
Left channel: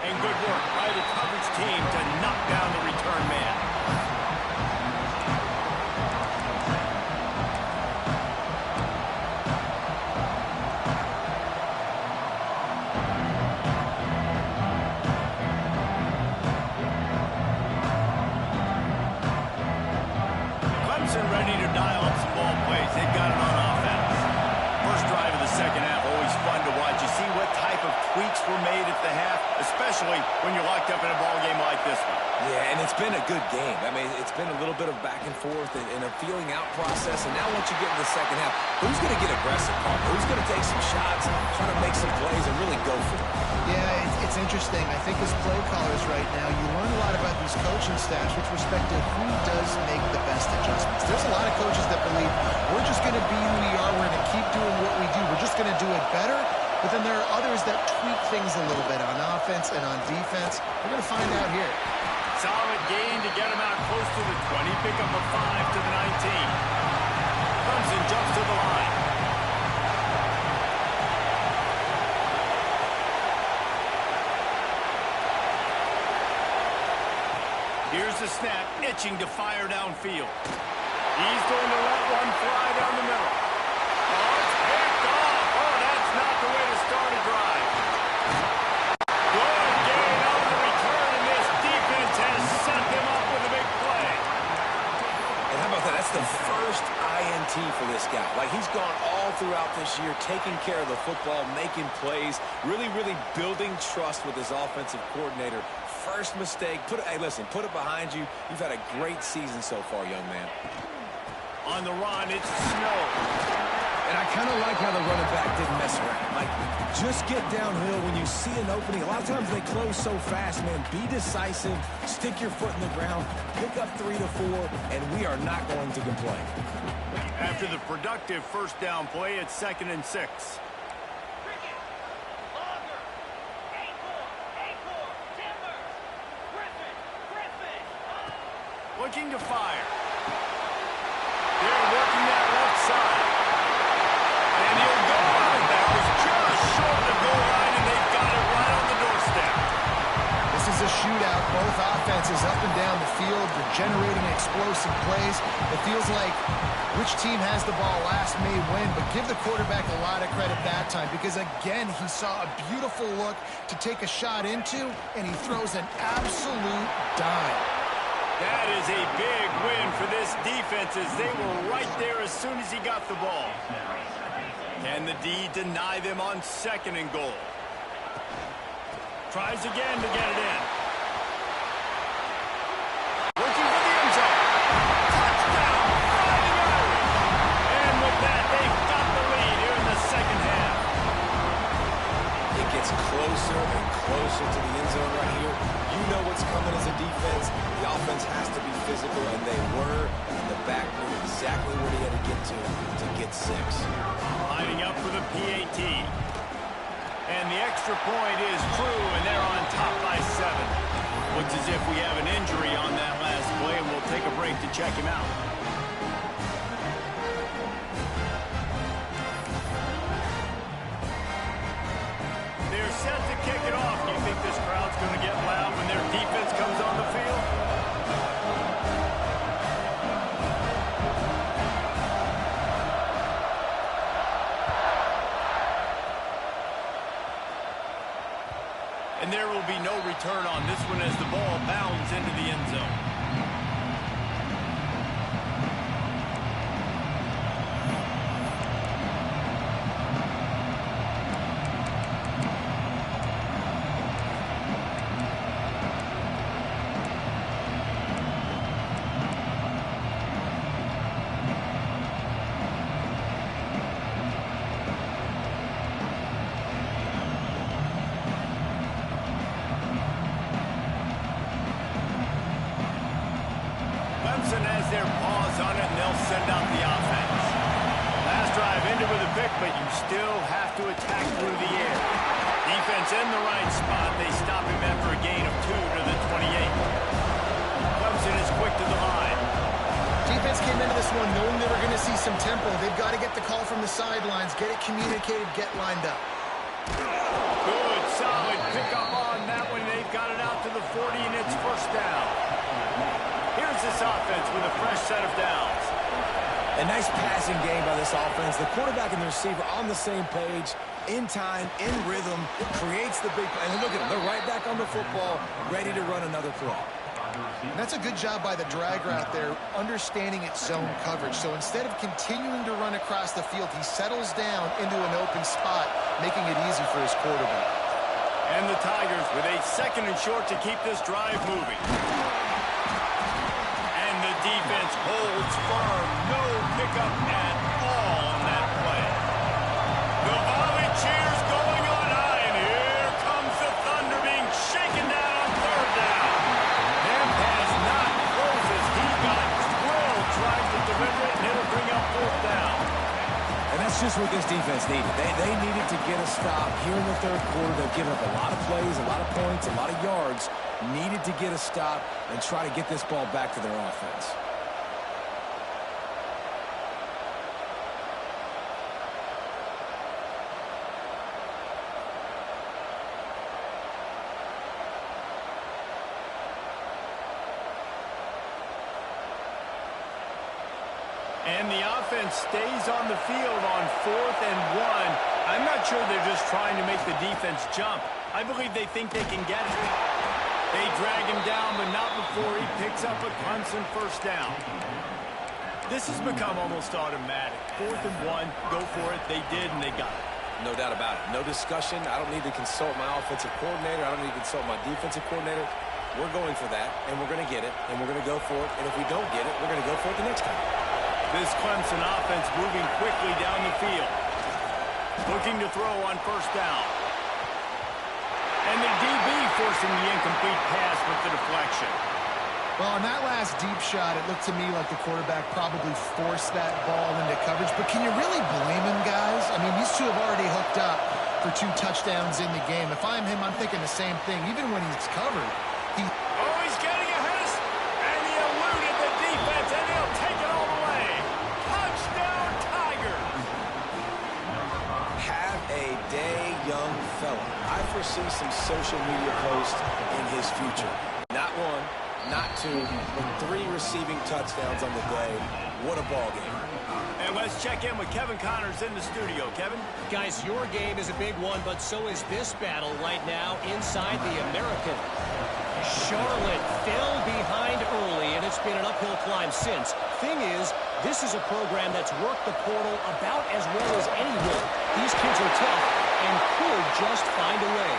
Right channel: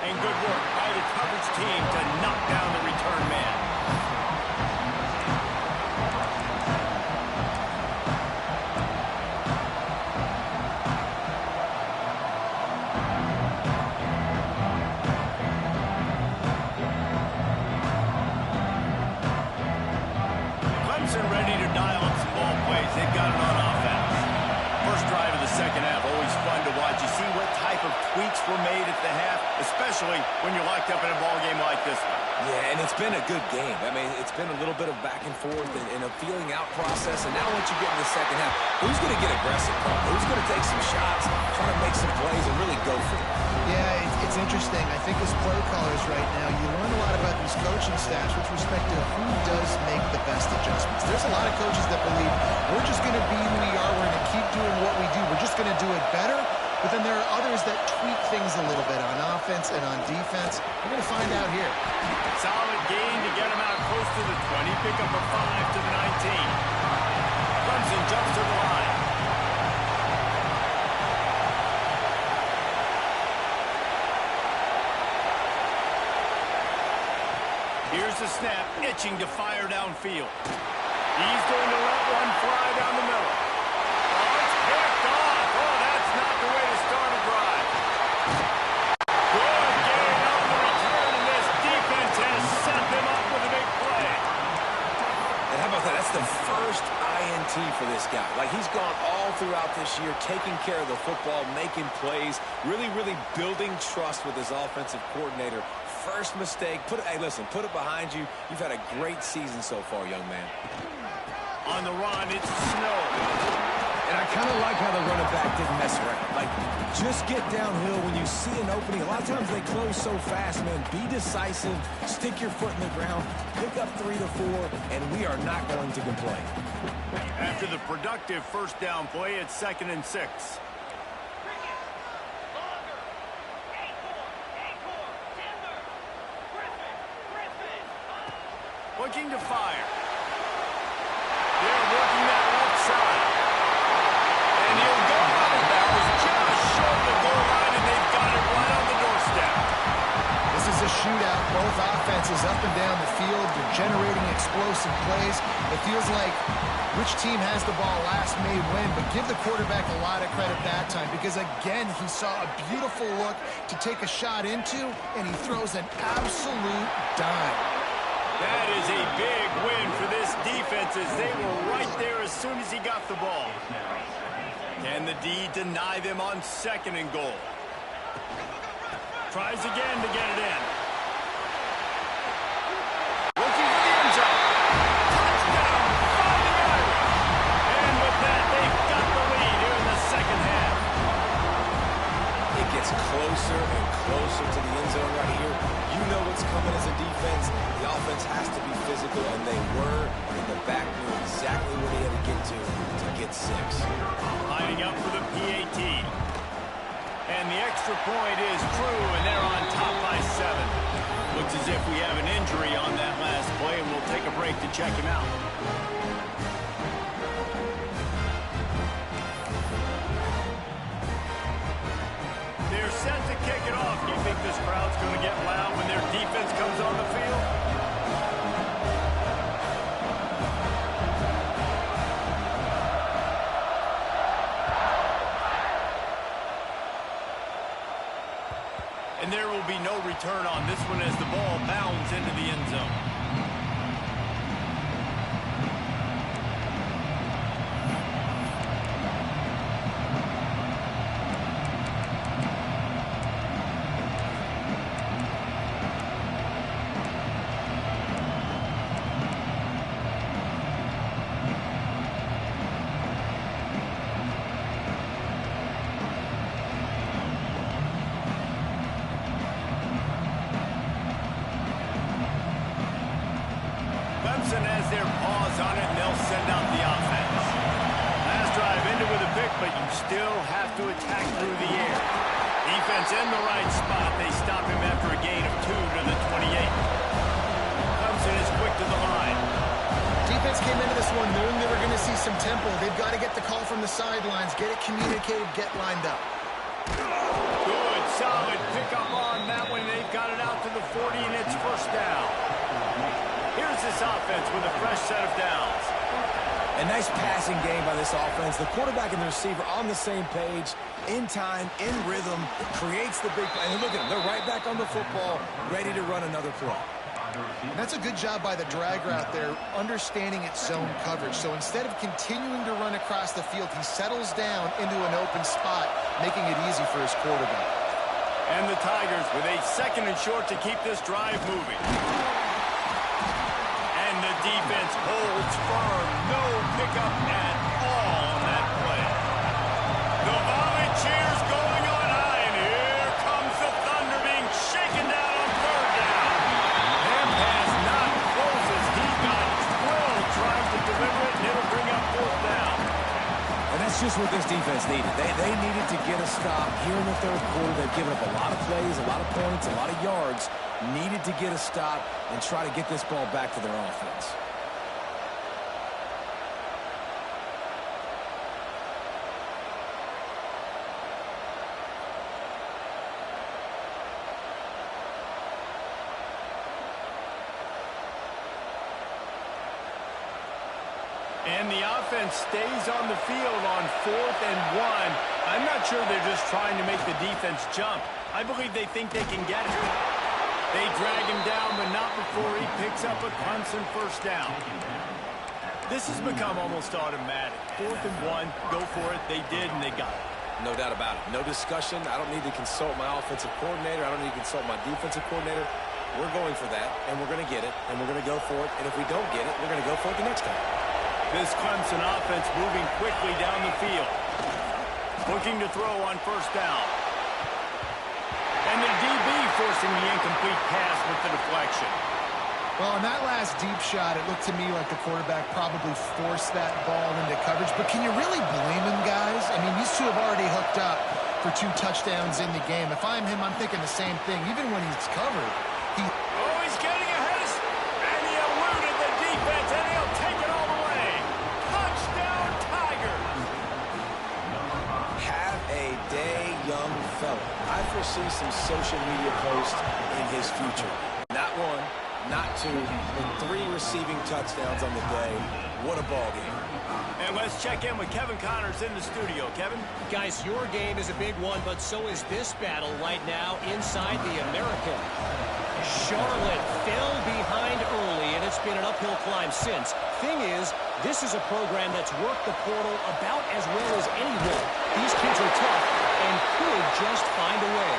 And good work by the coverage team to knock down the return man. Clemson ready to dial up some ball plays. They've got it on offense. First drive of the second half, always fun to watch. You see what type of tweaks were made at the half, especially when you're locked up in a ball game like this one. Yeah, and it's been a good game. I mean, it's been a little bit of back and forth and a feeling out process. And now once you get in the second half, who's going to get aggressive, Paul? Who's going to take some shots, try to make some plays, and really go for it? Yeah, it's interesting. I think as play callers right now, you learn a lot about these coaching staffs with respect to who does make the best adjustments. There's a lot of coaches that believe we're just going to be who we are. We're going to keep doing what we do. We're just going to do it better. But then there are others that tweak things a little bit on offense and on defense. We're going to find out here. Solid gain to get him out close to the 20. Pick up a 5 to the 19. Clemson jumps to the line. Here's the snap, itching to fire downfield. He's going to let one fly down the middle. Oh, it's picked off. Oh, that's not the way to start a drive. Good gain on the return, and this defense has set them up with a big play. And how about that? That's the first INT for this guy. Like, he's gone all throughout this year, taking care of the football, making plays, really, really building trust with his offensive coordinator. First mistake, hey, listen, put it behind you. You've had a great season so far, young man. On the run, it's Snow. And I kind of like how the running back didn't mess around. Like, just get downhill when you see an opening. A lot of times they close so fast, man. Be decisive, stick your foot in the ground, pick up 3 to 4, and we are not going to complain. After the productive first down play, it's 2nd and 6. Looking to fire. They're working that left side. And he'll go out of bounds just short of the goal line, and they've got it right on the doorstep. This is a shootout. Both offenses up and down the field. They're generating explosive plays. It feels like which team has the ball last may win, but give the quarterback a lot of credit that time because, again, he saw a beautiful look to take a shot into, and he throws an absolute dime. That is a big win for this defense as they were right there as soon as he got the ball. Can the D deny them on 2nd and goal? Tries again to get it in. Looking for the end zone. Touchdown, Fighting Irish. And with that, they've got the lead here in the second half. It gets closer and closer to the end zone right here. You know what's coming as a defense. The offense has to be physical, and they were. And the back knew exactly where he had to get 6. Lining up for the PAT. And the extra point is true, and they're on top by 7. Looks as if we have an injury on that last play, and we'll take a break to check him out. They're set to kick it off. Do you think this crowd's going to get loud when their defense comes on the field? And there will be no return on this one as the ball bounds into the end zone. Clemson has their paws on it, and they'll send out the offense. Last drive ended with a pick, but you still have to attack through the air. Defense in the right spot. They stop him after a gain of 2 to the 28. Clemson Clemson is quick to the line. Defense came into this one knowing they were going to see some tempo. They've got to get the call from the sidelines, get it communicated, get lined up. Good, solid pickup on that one. They've got it out to the 40, and it's first down. Here's this offense with a fresh set of downs. A nice passing game by this offense. The quarterback and the receiver on the same page, in time, in rhythm, creates the big play. And look at them. They're right back on the football, ready to run another play. And that's a good job by the drag route there, understanding its zone coverage. So instead of continuing to run across the field, he settles down into an open spot, making it easy for his quarterback. And the Tigers with a 2nd and short to keep this drive moving. And the defense holds firm. No pickup at all on that play. The volley cheers going on high, and here comes the Thunder being shaken down on 3rd down. Their pass not closes. He got drilled trying to deliver it, and it'll bring up 4th down. And that's just what this defense needed. They needed to get a stop here in the 3rd quarter. They've given up a lot of plays, a lot of points, a lot of yards. Needed to get a stop and try to get this ball back to their offense. And the offense stays on the field on 4th and 1. I'm not sure they're just trying to make the defense jump. I believe they think they can get it. They drag him down, but not before he picks up a Clemson first down. This has become almost automatic. 4th and 1, go for it. They did, and they got it. No doubt about it. No discussion. I don't need to consult my offensive coordinator. I don't need to consult my defensive coordinator. We're going for that, and we're going to get it, and we're going to go for it. And if we don't get it, we're going to go for it the next time. This Clemson offense moving quickly down the field. Looking to throw on first down. And the DB forcing the incomplete pass with the deflection. Well, on that last deep shot, it looked to me like the quarterback probably forced that ball into coverage. But can you really blame him, guys? I mean, these two have already hooked up for 2 touchdowns in the game. If I'm him, I'm thinking the same thing. Even when he's covered, Oh, he's getting ahead of... And he eluded the defense, and he'll take it all the way. Touchdown, Tigers! Have a day, young fella. I foresee some social media posts in his future. Not 1, not 2, but 3 receiving touchdowns on the day. What a ball game. And let's check in with Kevin Connors in the studio. Kevin? Guys, your game is a big one, but so is this battle right now inside the American. Charlotte fell behind early, and it's been an uphill climb since. Thing is, this is a program that's worked the portal about as well as anyone. These kids are tough and could just find a way.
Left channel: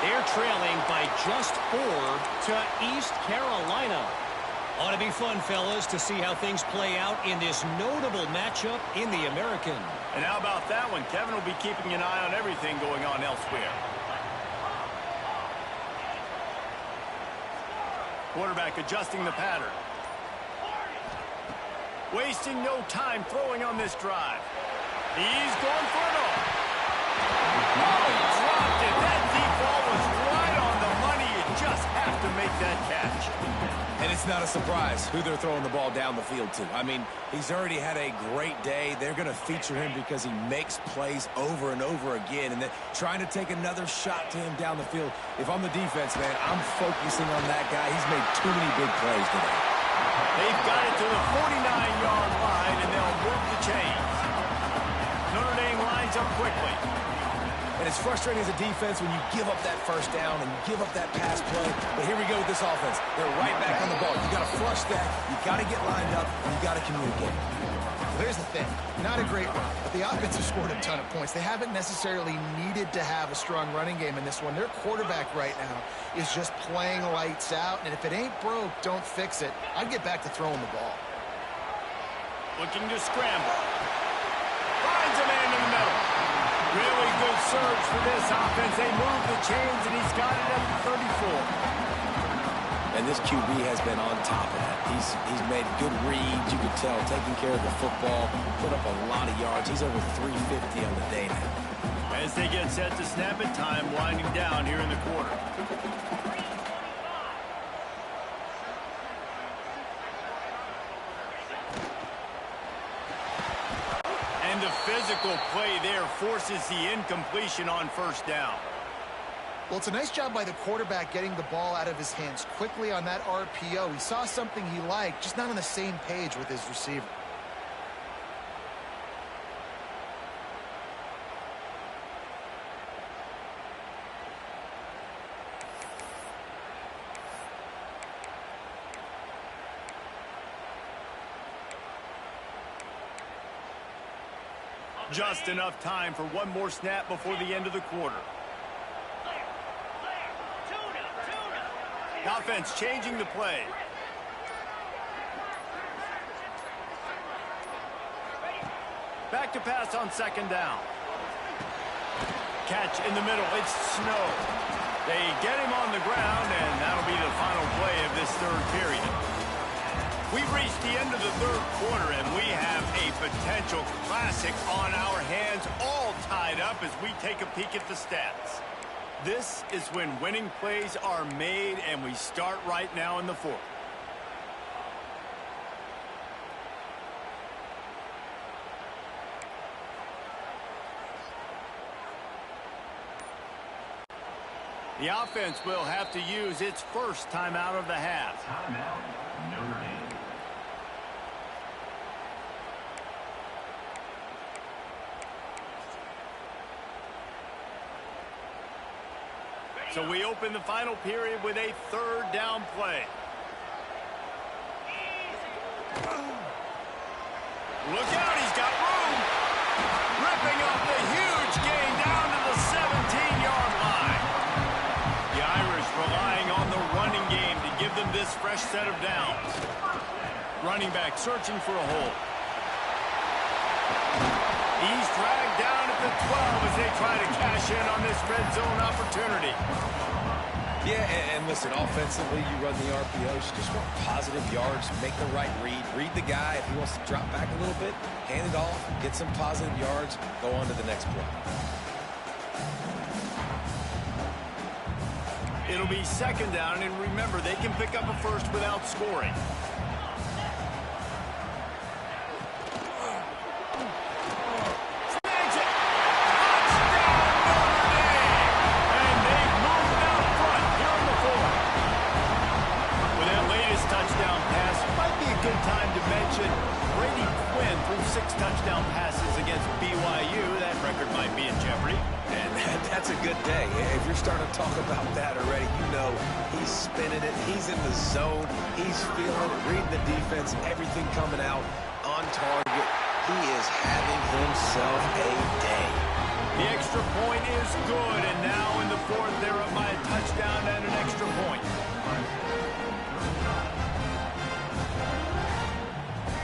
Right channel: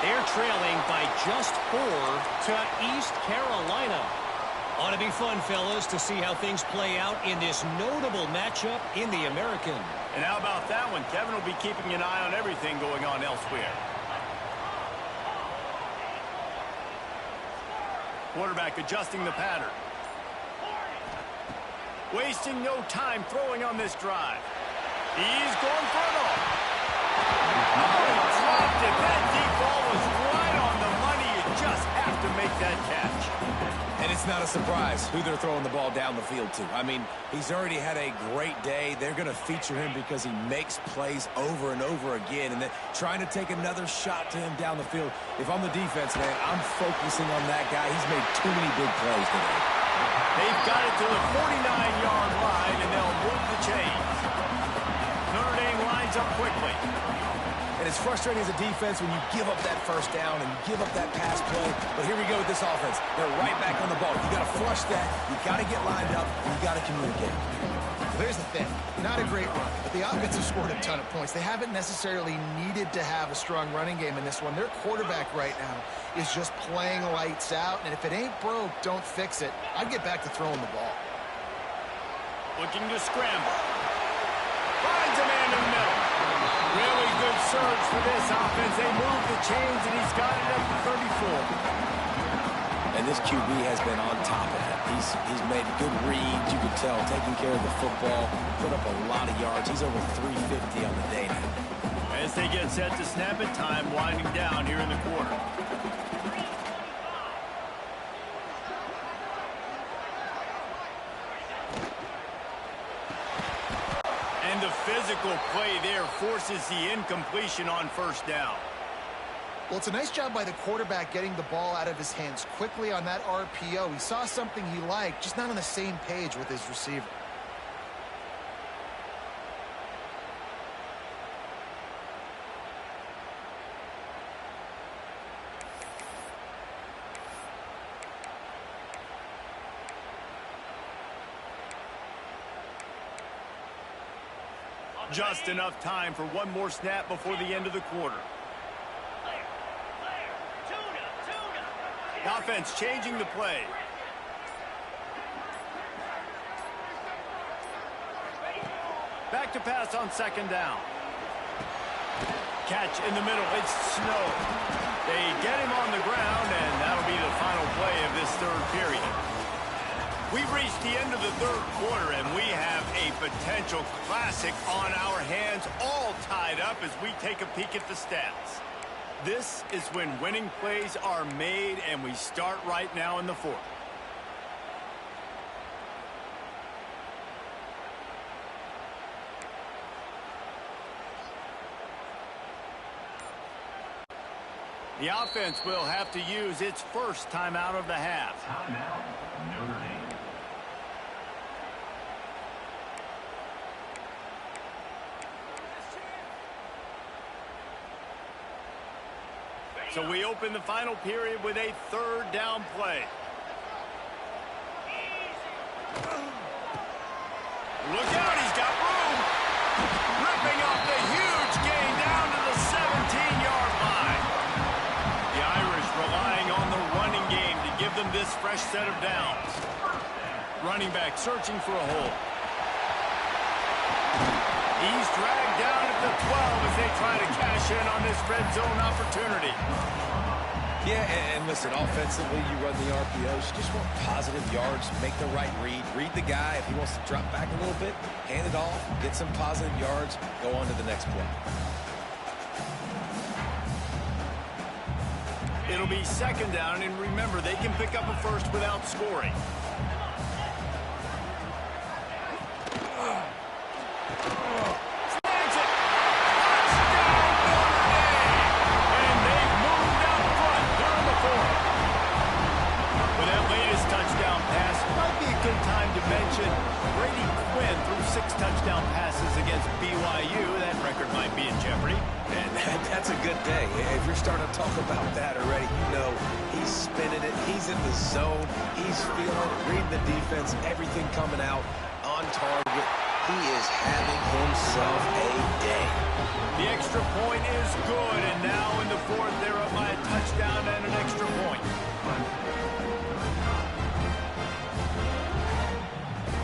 They're trailing by just 4 to East Carolina. Ought to be fun, fellas, to see how things play out in this notable matchup in the American. And how about that one? Kevin will be keeping an eye on everything going on elsewhere. Quarterback adjusting the pattern. Wasting no time throwing on this drive. He's going for it all. Oh, he dropped it. That deep ball was right on the money. You just have to make that catch. And it's not a surprise who they're throwing the ball down the field to. I mean, he's already had a great day. They're going to feature him because he makes plays over and over again. And then trying to take another shot to him down the field. If I'm the defense, man, I'm focusing on that guy. He's made too many big plays today. They've got it to the 49-yard line, and they'll move the chains. Notre Dame lines up quickly. And it's frustrating as a defense when you give up that first down and you give up that pass play. But here we go with this offense. They're right back on the ball. You got to flush that. You got to get lined up, and you got to communicate. Well, here's the thing. Not a great run, but the offense has scored a ton of points. They haven't necessarily needed to have a strong running game in this one. Their quarterback right now is just playing lights out, and if it ain't broke, don't fix it. I'd get back to throwing the ball. Looking to scramble. Finds a man in the middle. Really good surge for this offense. They move the chains, and he's got it up to 34. And this QB has been on top of that. He's made good reads, you could tell, taking care of the football, put up a lot of yards. He's over 350 on the day now. As they get set to snap it, time winding down here in the quarter. And the physical play there forces the incompletion on first down. Well, it's a nice job by the quarterback getting the ball out of his hands quickly on that RPO. He saw something he liked, just not on the same page with his receiver. Just enough time for one more snap before the end of the quarter. Offense changing the play. Back to pass on second down. Catch in the middle. It's Snow. They get him on the ground, and that'll be the final play of this third period. We've reached the end of the third quarter, and we have a potential classic on our hands, all tied up as we take a peek at the stats. This is when winning plays are made, and we start right now in the fourth. The offense will have to use its first timeout of the half. Timeout, Notre Dame. So we open the final period with a third down play. Look out, he's got room. Ripping off the huge gain down to the 17-yard line. The Irish relying on the running game to give them this fresh set of downs. Running back searching for a hole. He's dragged down at the 12 as they try to cash in on this red zone opportunity. Yeah, and listen, offensively, you run the RPOs. You just want positive yards, make the right read. Read the guy. If he wants to drop back a little bit, hand it off, get some positive yards, go on to the next play. It'll be second down, and remember, they can pick up a first without scoring. Touchdown pass. Might be a good time to mention Brady Quinn threw 6 touchdown passes against BYU. That record might be in jeopardy. And that's a good day. If you're starting to talk about that already, you know he's spinning it. He's in the zone. He's feeling it, reading the defense, everything coming out on target. He is having himself a day. The extra point is good, and now in the fourth, they're up by a touchdown and an extra point.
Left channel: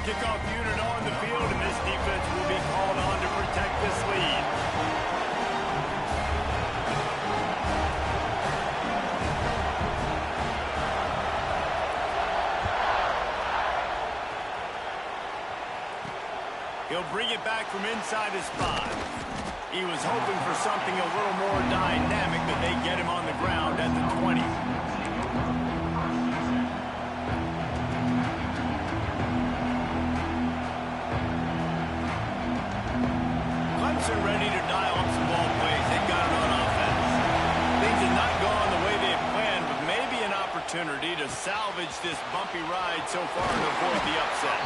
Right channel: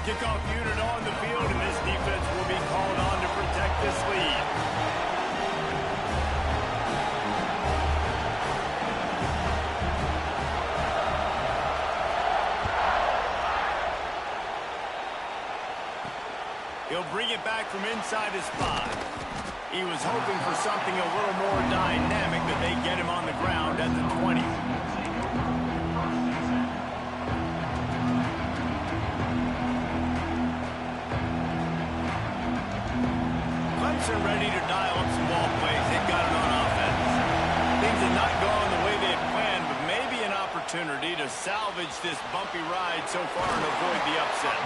Kickoff unit on the field, and this defense will be called on to protect this lead. He'll bring it back from inside his 5. He was hoping for something a little more dynamic, but they get him on the ground at the 20. Clemson ready to dial up some ball plays. They've got it on offense. Things have not gone the way they had planned, but maybe an opportunity to salvage this bumpy ride so far and avoid the upset.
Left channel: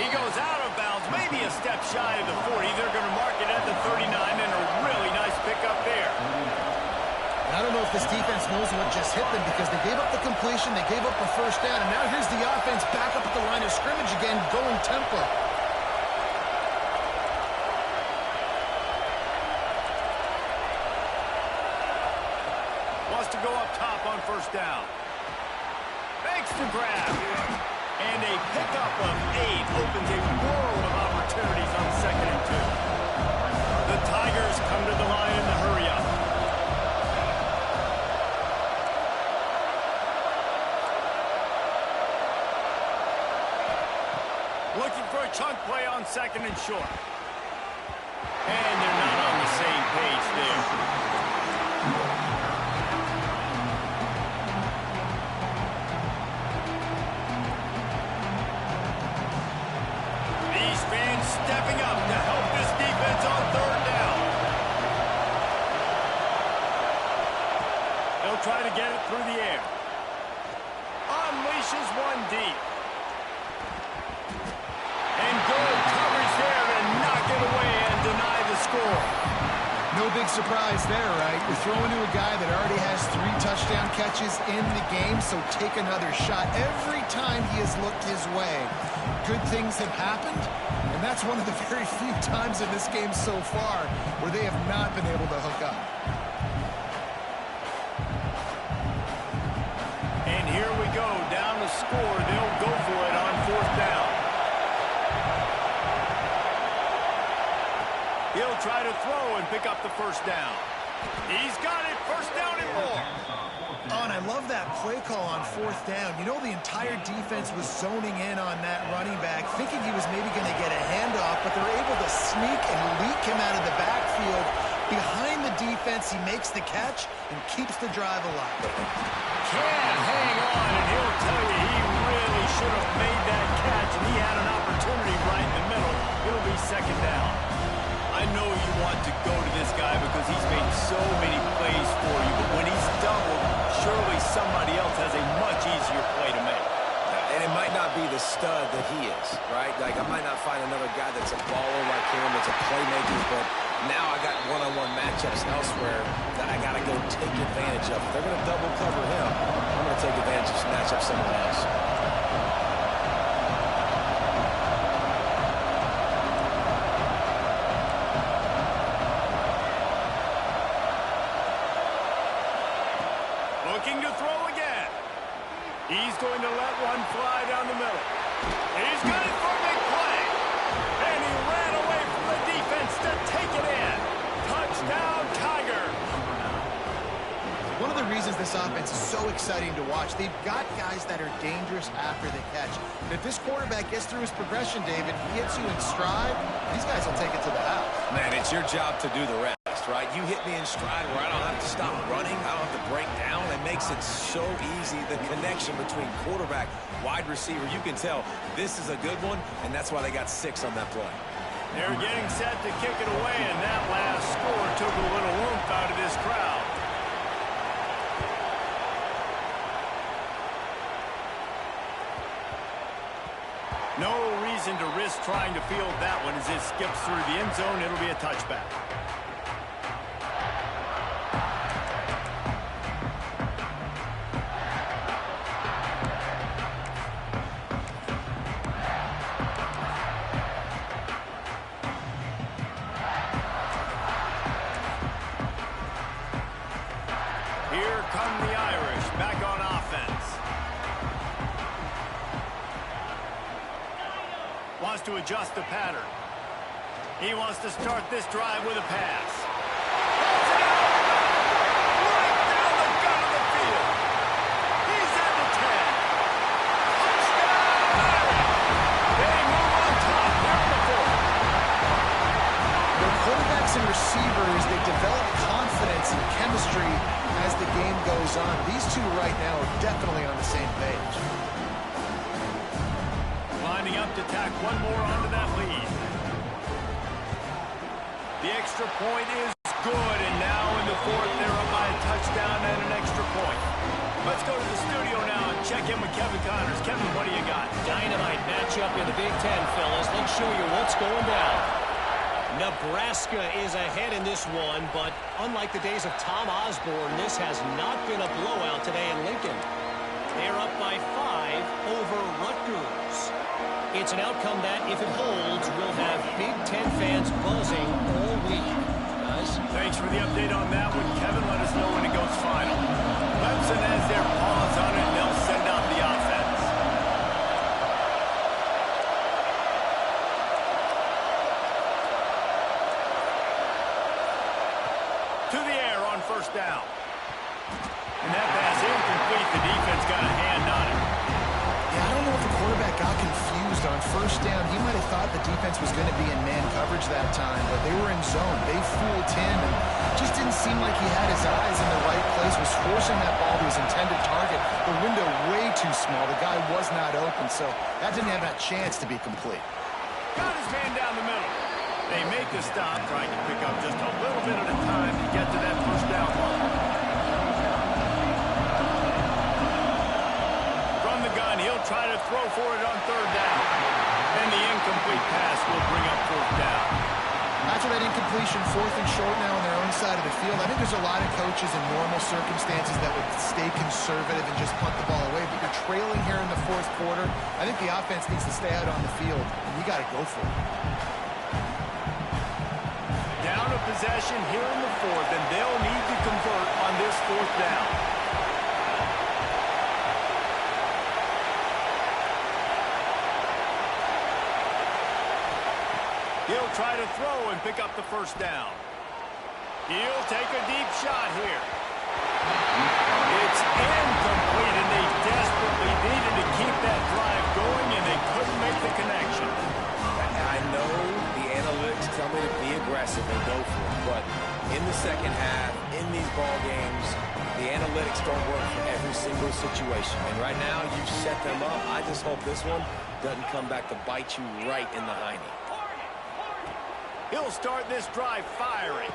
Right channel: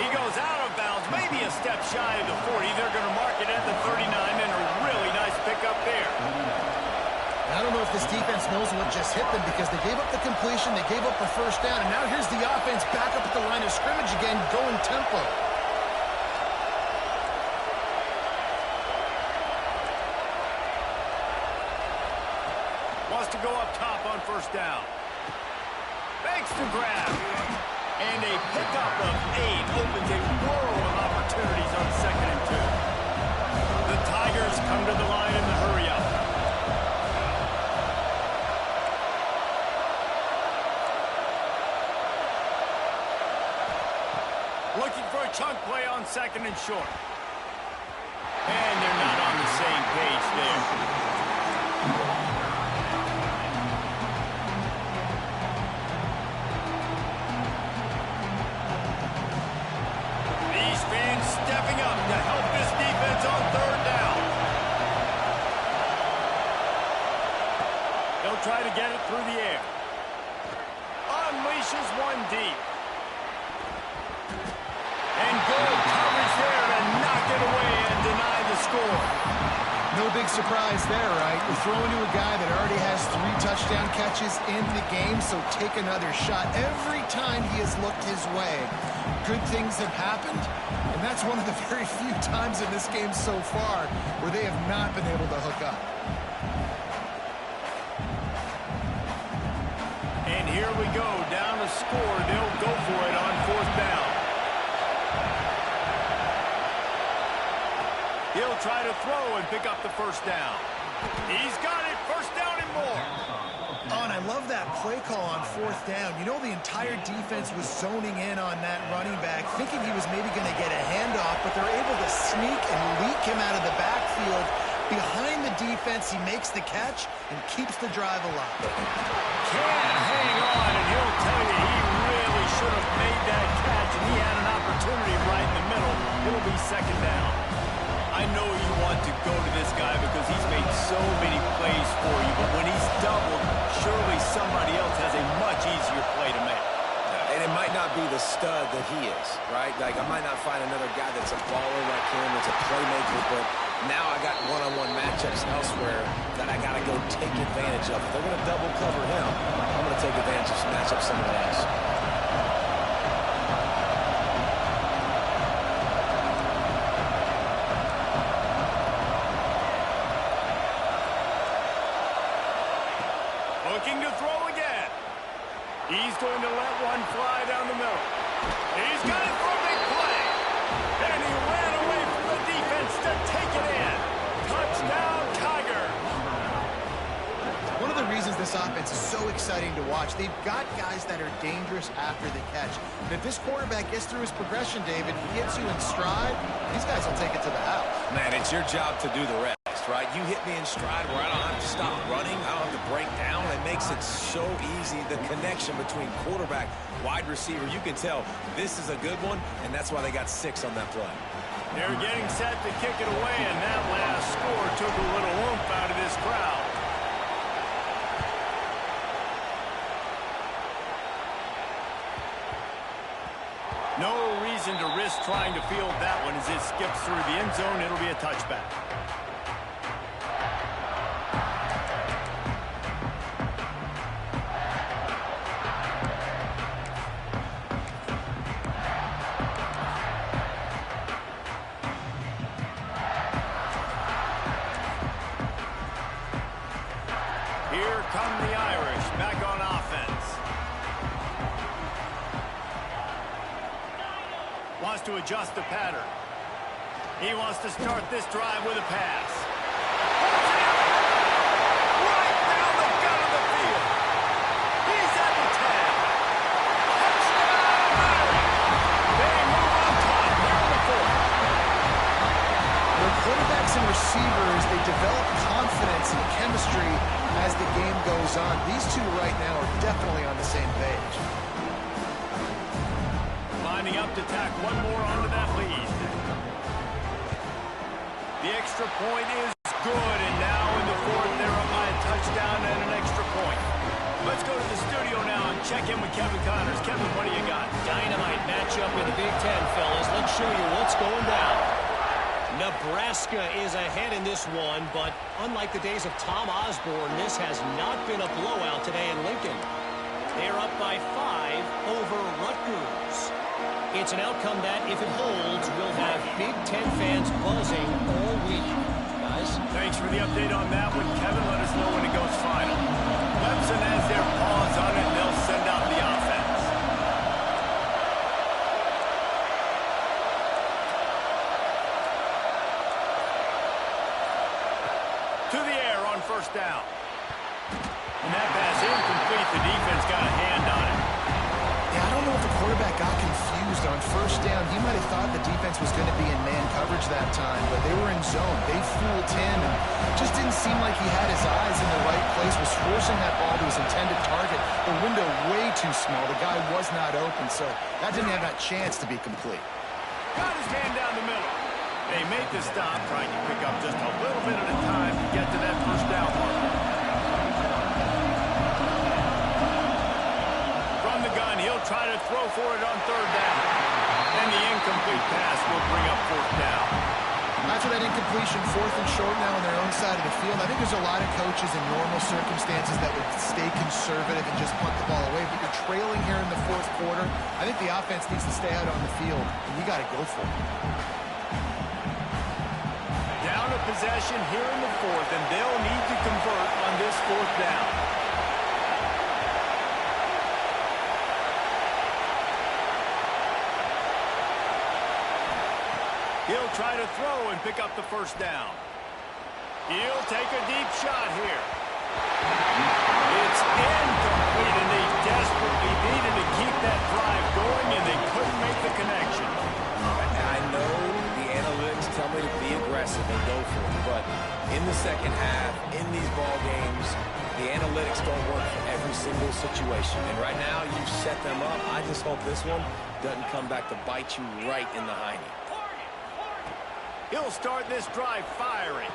He goes out of bounds, maybe a step shy of the 40. They're going to mark it at the 39, and a really nice pickup there. And I don't know if this defense knows what just hit them, because they gave up the completion, they gave up a first down, and now here's the offense back up at the line of scrimmage again, going tempo. Wants to go up top on first down. Banks to grab. And a pickup of 8 opens a world of opportunities on 2nd and 2. The Tigers come to the line in the hurry-up. Looking for a chunk play on 2nd and short. And they're not on the same page there. Stepping up to help this defense on third down. He'll try to get it through the air. Unleashes one deep. And good coverage there to knock it away and deny the score. No big surprise there, right? You're throwing to a guy that already has 3 touchdown catches in the game, so take another shot. Every time he has looked his way, good things have happened, and that's one of the very few times in this game so far where they have not been able to hook up. And here we go, down to score. They'll go for it on fourth down. He'll try to throw and pick up the first down. He's got it, first down and more. Oh, and I love that play call on fourth down. You know, the entire defense was zoning in on that running back, thinking he was maybe going to get a handoff, but they're able to sneak and leak him out of the backfield. Behind the defense, he makes the catch and keeps the drive alive. Can't hang on, and he'll tell you he really should have made that catch, and he had an opportunity right in the middle. It'll be second down. I know you want to go to this guy because he's made so many plays for you, but when he's doubled, surely somebody else has a much easier play to make. And it might not be the stud that he is, right? Like, I might not find another guy that's a baller like him, that's a playmaker, but now I got one-on-one matchups elsewhere that I got to go take advantage of. If they're going to double cover him, I'm going to take advantage of match up someone else. Looking to throw again. He's going to let one fly down the middle. He's got it for a big play. And he ran away from the defense to take it in. Touchdown, Tiger. One of the reasons this offense is so exciting to watch, they've got guys that are dangerous after the catch. And if this quarterback gets through his progression, David, he gets you in stride, these guys will take it to the house. Man, it's your job to do the rest, right? You hit me in stride where I don't have to stop running. I don't have to break down. It makes it so easy, the connection between quarterback, wide receiver. You can tell this is a good one, and that's why they got 6 on that play. They're getting set to kick it away, and that last score took a little oomph out of this crowd. No reason to risk trying to field that one as it skips through the end zone. It'll be a touchback. Here come the Irish back on offense. Wants to adjust the pattern. He wants to start this drive with a pass. Holds it out right down the gut of the field. He's at the 10. Touchdown, Irish. They move on top here in the 4th. Their quarterbacks and receivers, they develop confidence and chemistry as the game goes on. These two right now are definitely on the same page. Lining up to tack one more onto that lead. The extra point is good, and now in the 4th, they're up by a touchdown and an extra point. Let's go to the studio now and check in with Kevin Connors. Kevin, what do you got? Dynamite matchup in the Big Ten, fellas. Let's show you what's going down. Nebraska is ahead in this one, but unlike the days of Tom Osborne, this has not been a blowout today in Lincoln. They're up by 5 over Rutgers. It's an outcome that, if it holds, will have Big Ten fans buzzing all week. Guys? Thanks for the update on that one, Kevin. Let us know when it goes final. Clemson has their paws on it, and they'll send out the offense. To the air on first down. And that pass incomplete. The defense got a hand on it. Yeah, I don't know if the quarterback got confused on first down. He might have thought the defense was going to be in man coverage that time, but they were in zone. They fooled him and just didn't seem like he had his eyes in the right place, was forcing that ball to his intended target. The window way too small. The guy was not open, so that didn't have that chance to be complete. Got his man down the middle. They make the stop, trying to pick up just a little bit at a time to get to that first down mark. From the gun, he'll try to throw for it on third down. And the incomplete pass will bring up fourth down. After that incompletion, 4th and short now on their own side of the field. I think there's a lot of coaches in normal circumstances that would stay conservative and just punt the ball away. But you're trailing here in the 4th quarter. I think the offense needs to stay out on the field, and you got to go for it. Down a possession here in the 4th, and they'll need to convert on this 4th down. He'll try to throw and pick up the first down. He'll take a deep shot here. It's incomplete, and they desperately needed to keep that drive going, and they couldn't make the connection. I know the analytics tell me to be aggressive and go for it, but in the second half, in these ball games, the analytics don't work for every single situation. And right now, you've set them up. I just hope this one doesn't come back to bite you right in the hiney. He'll start this drive firing.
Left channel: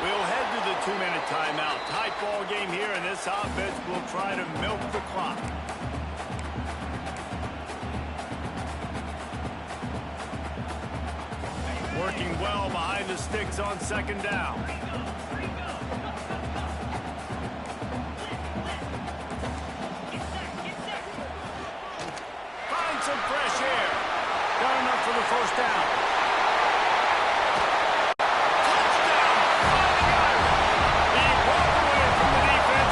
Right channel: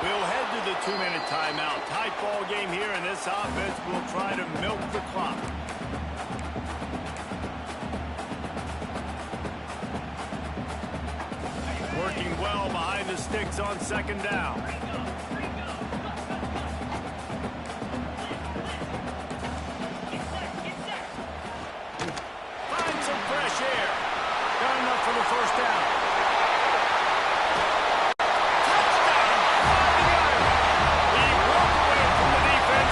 We'll head to the 2-minute timeout. Tight ball game here, and this offense will try to milk the clock. Working well behind the sticks on second down. Find some fresh air. Got enough for the first down.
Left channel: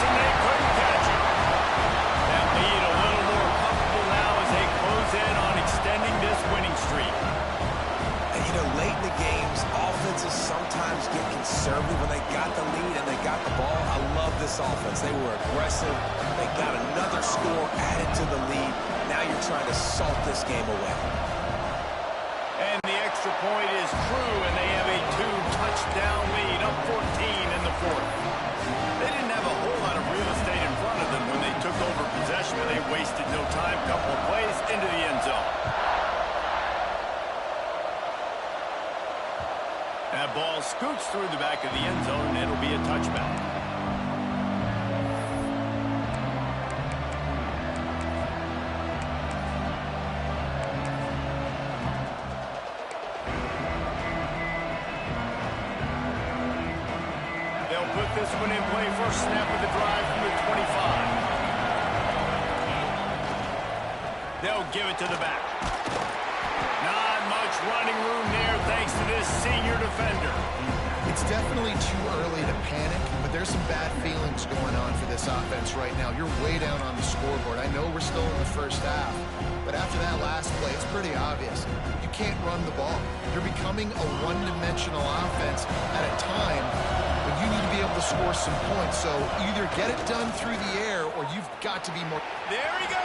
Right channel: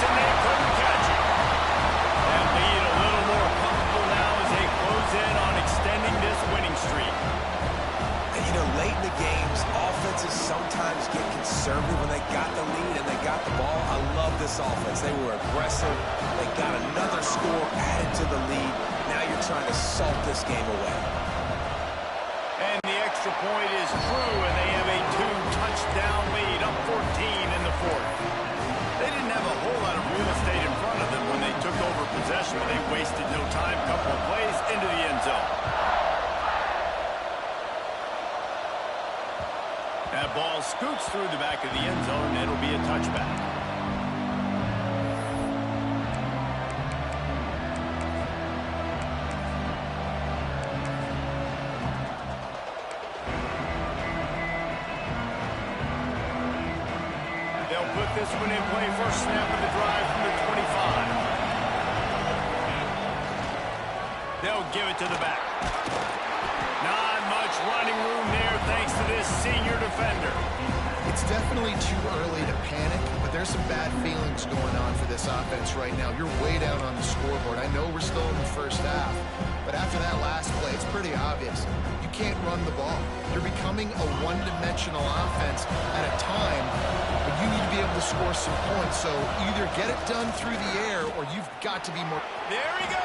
And they couldn't catch it. That lead a little more comfortable now as they close in on extending this winning streak. And, you know, late in the games, offenses sometimes get conservative when they got the lead and they got the ball. I love this offense. They were aggressive. They got another score added to the lead. Now you're trying to salt this game away. And the extra point is true, and they have a 2-touchdown lead, up 14 in the 4th. They didn't have a whole lot of real estate in front of them when they took over possession, but they wasted no time. Couple of plays into the end zone. That ball scoots through the back of the end zone, and it'll be a touchback. They'll put this one in play, first snap of the drive from the 25. They'll give it to the back. Not much running room there thanks to this senior defender. It's definitely too early to panic, but there's some bad feelings going on for this offense right now. You're way down on the scoreboard. I know we're still in the first half, but after that last play, it's pretty obvious. You can't run the ball. You're becoming a one-dimensional offense at a time when you need to be able to score some points. So either get it done through the air or you've got to be more... There he goes.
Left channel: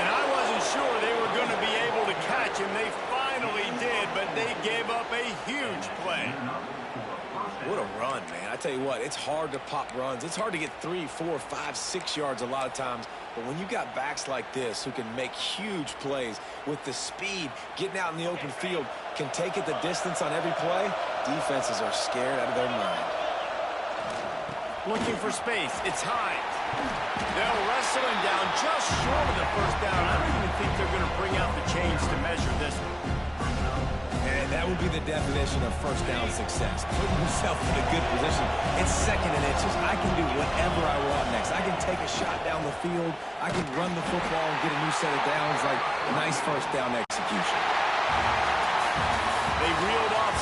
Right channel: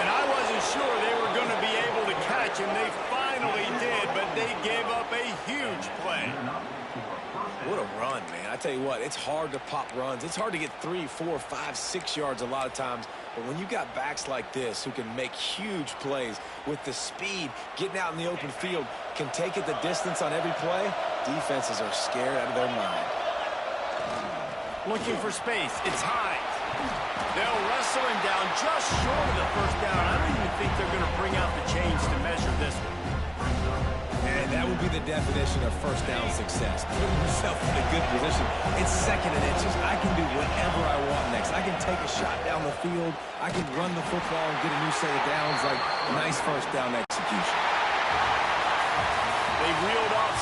And I wasn't sure they were going to be able to catch him. They finally did, but they gave up a huge play. What a run, man. I tell you what, it's hard to pop runs. It's hard to get 3, 4, 5, 6 yards a lot of times. But when you got backs like this who can make huge plays with the speed, getting out in the open field, can take it the distance on every play, defenses are scared out of their mind. Looking for space. It's Hines. They'll wrestle him down just short of the first down. I don't even think they're going to bring out the chains to measure this one. And that would be the definition of first down success. Putting yourself in a good position. It's 2nd and inches. I can do whatever I want next. I can take a shot down the field. I can run the football and get a new set of downs. Like, nice first down execution. They reeled off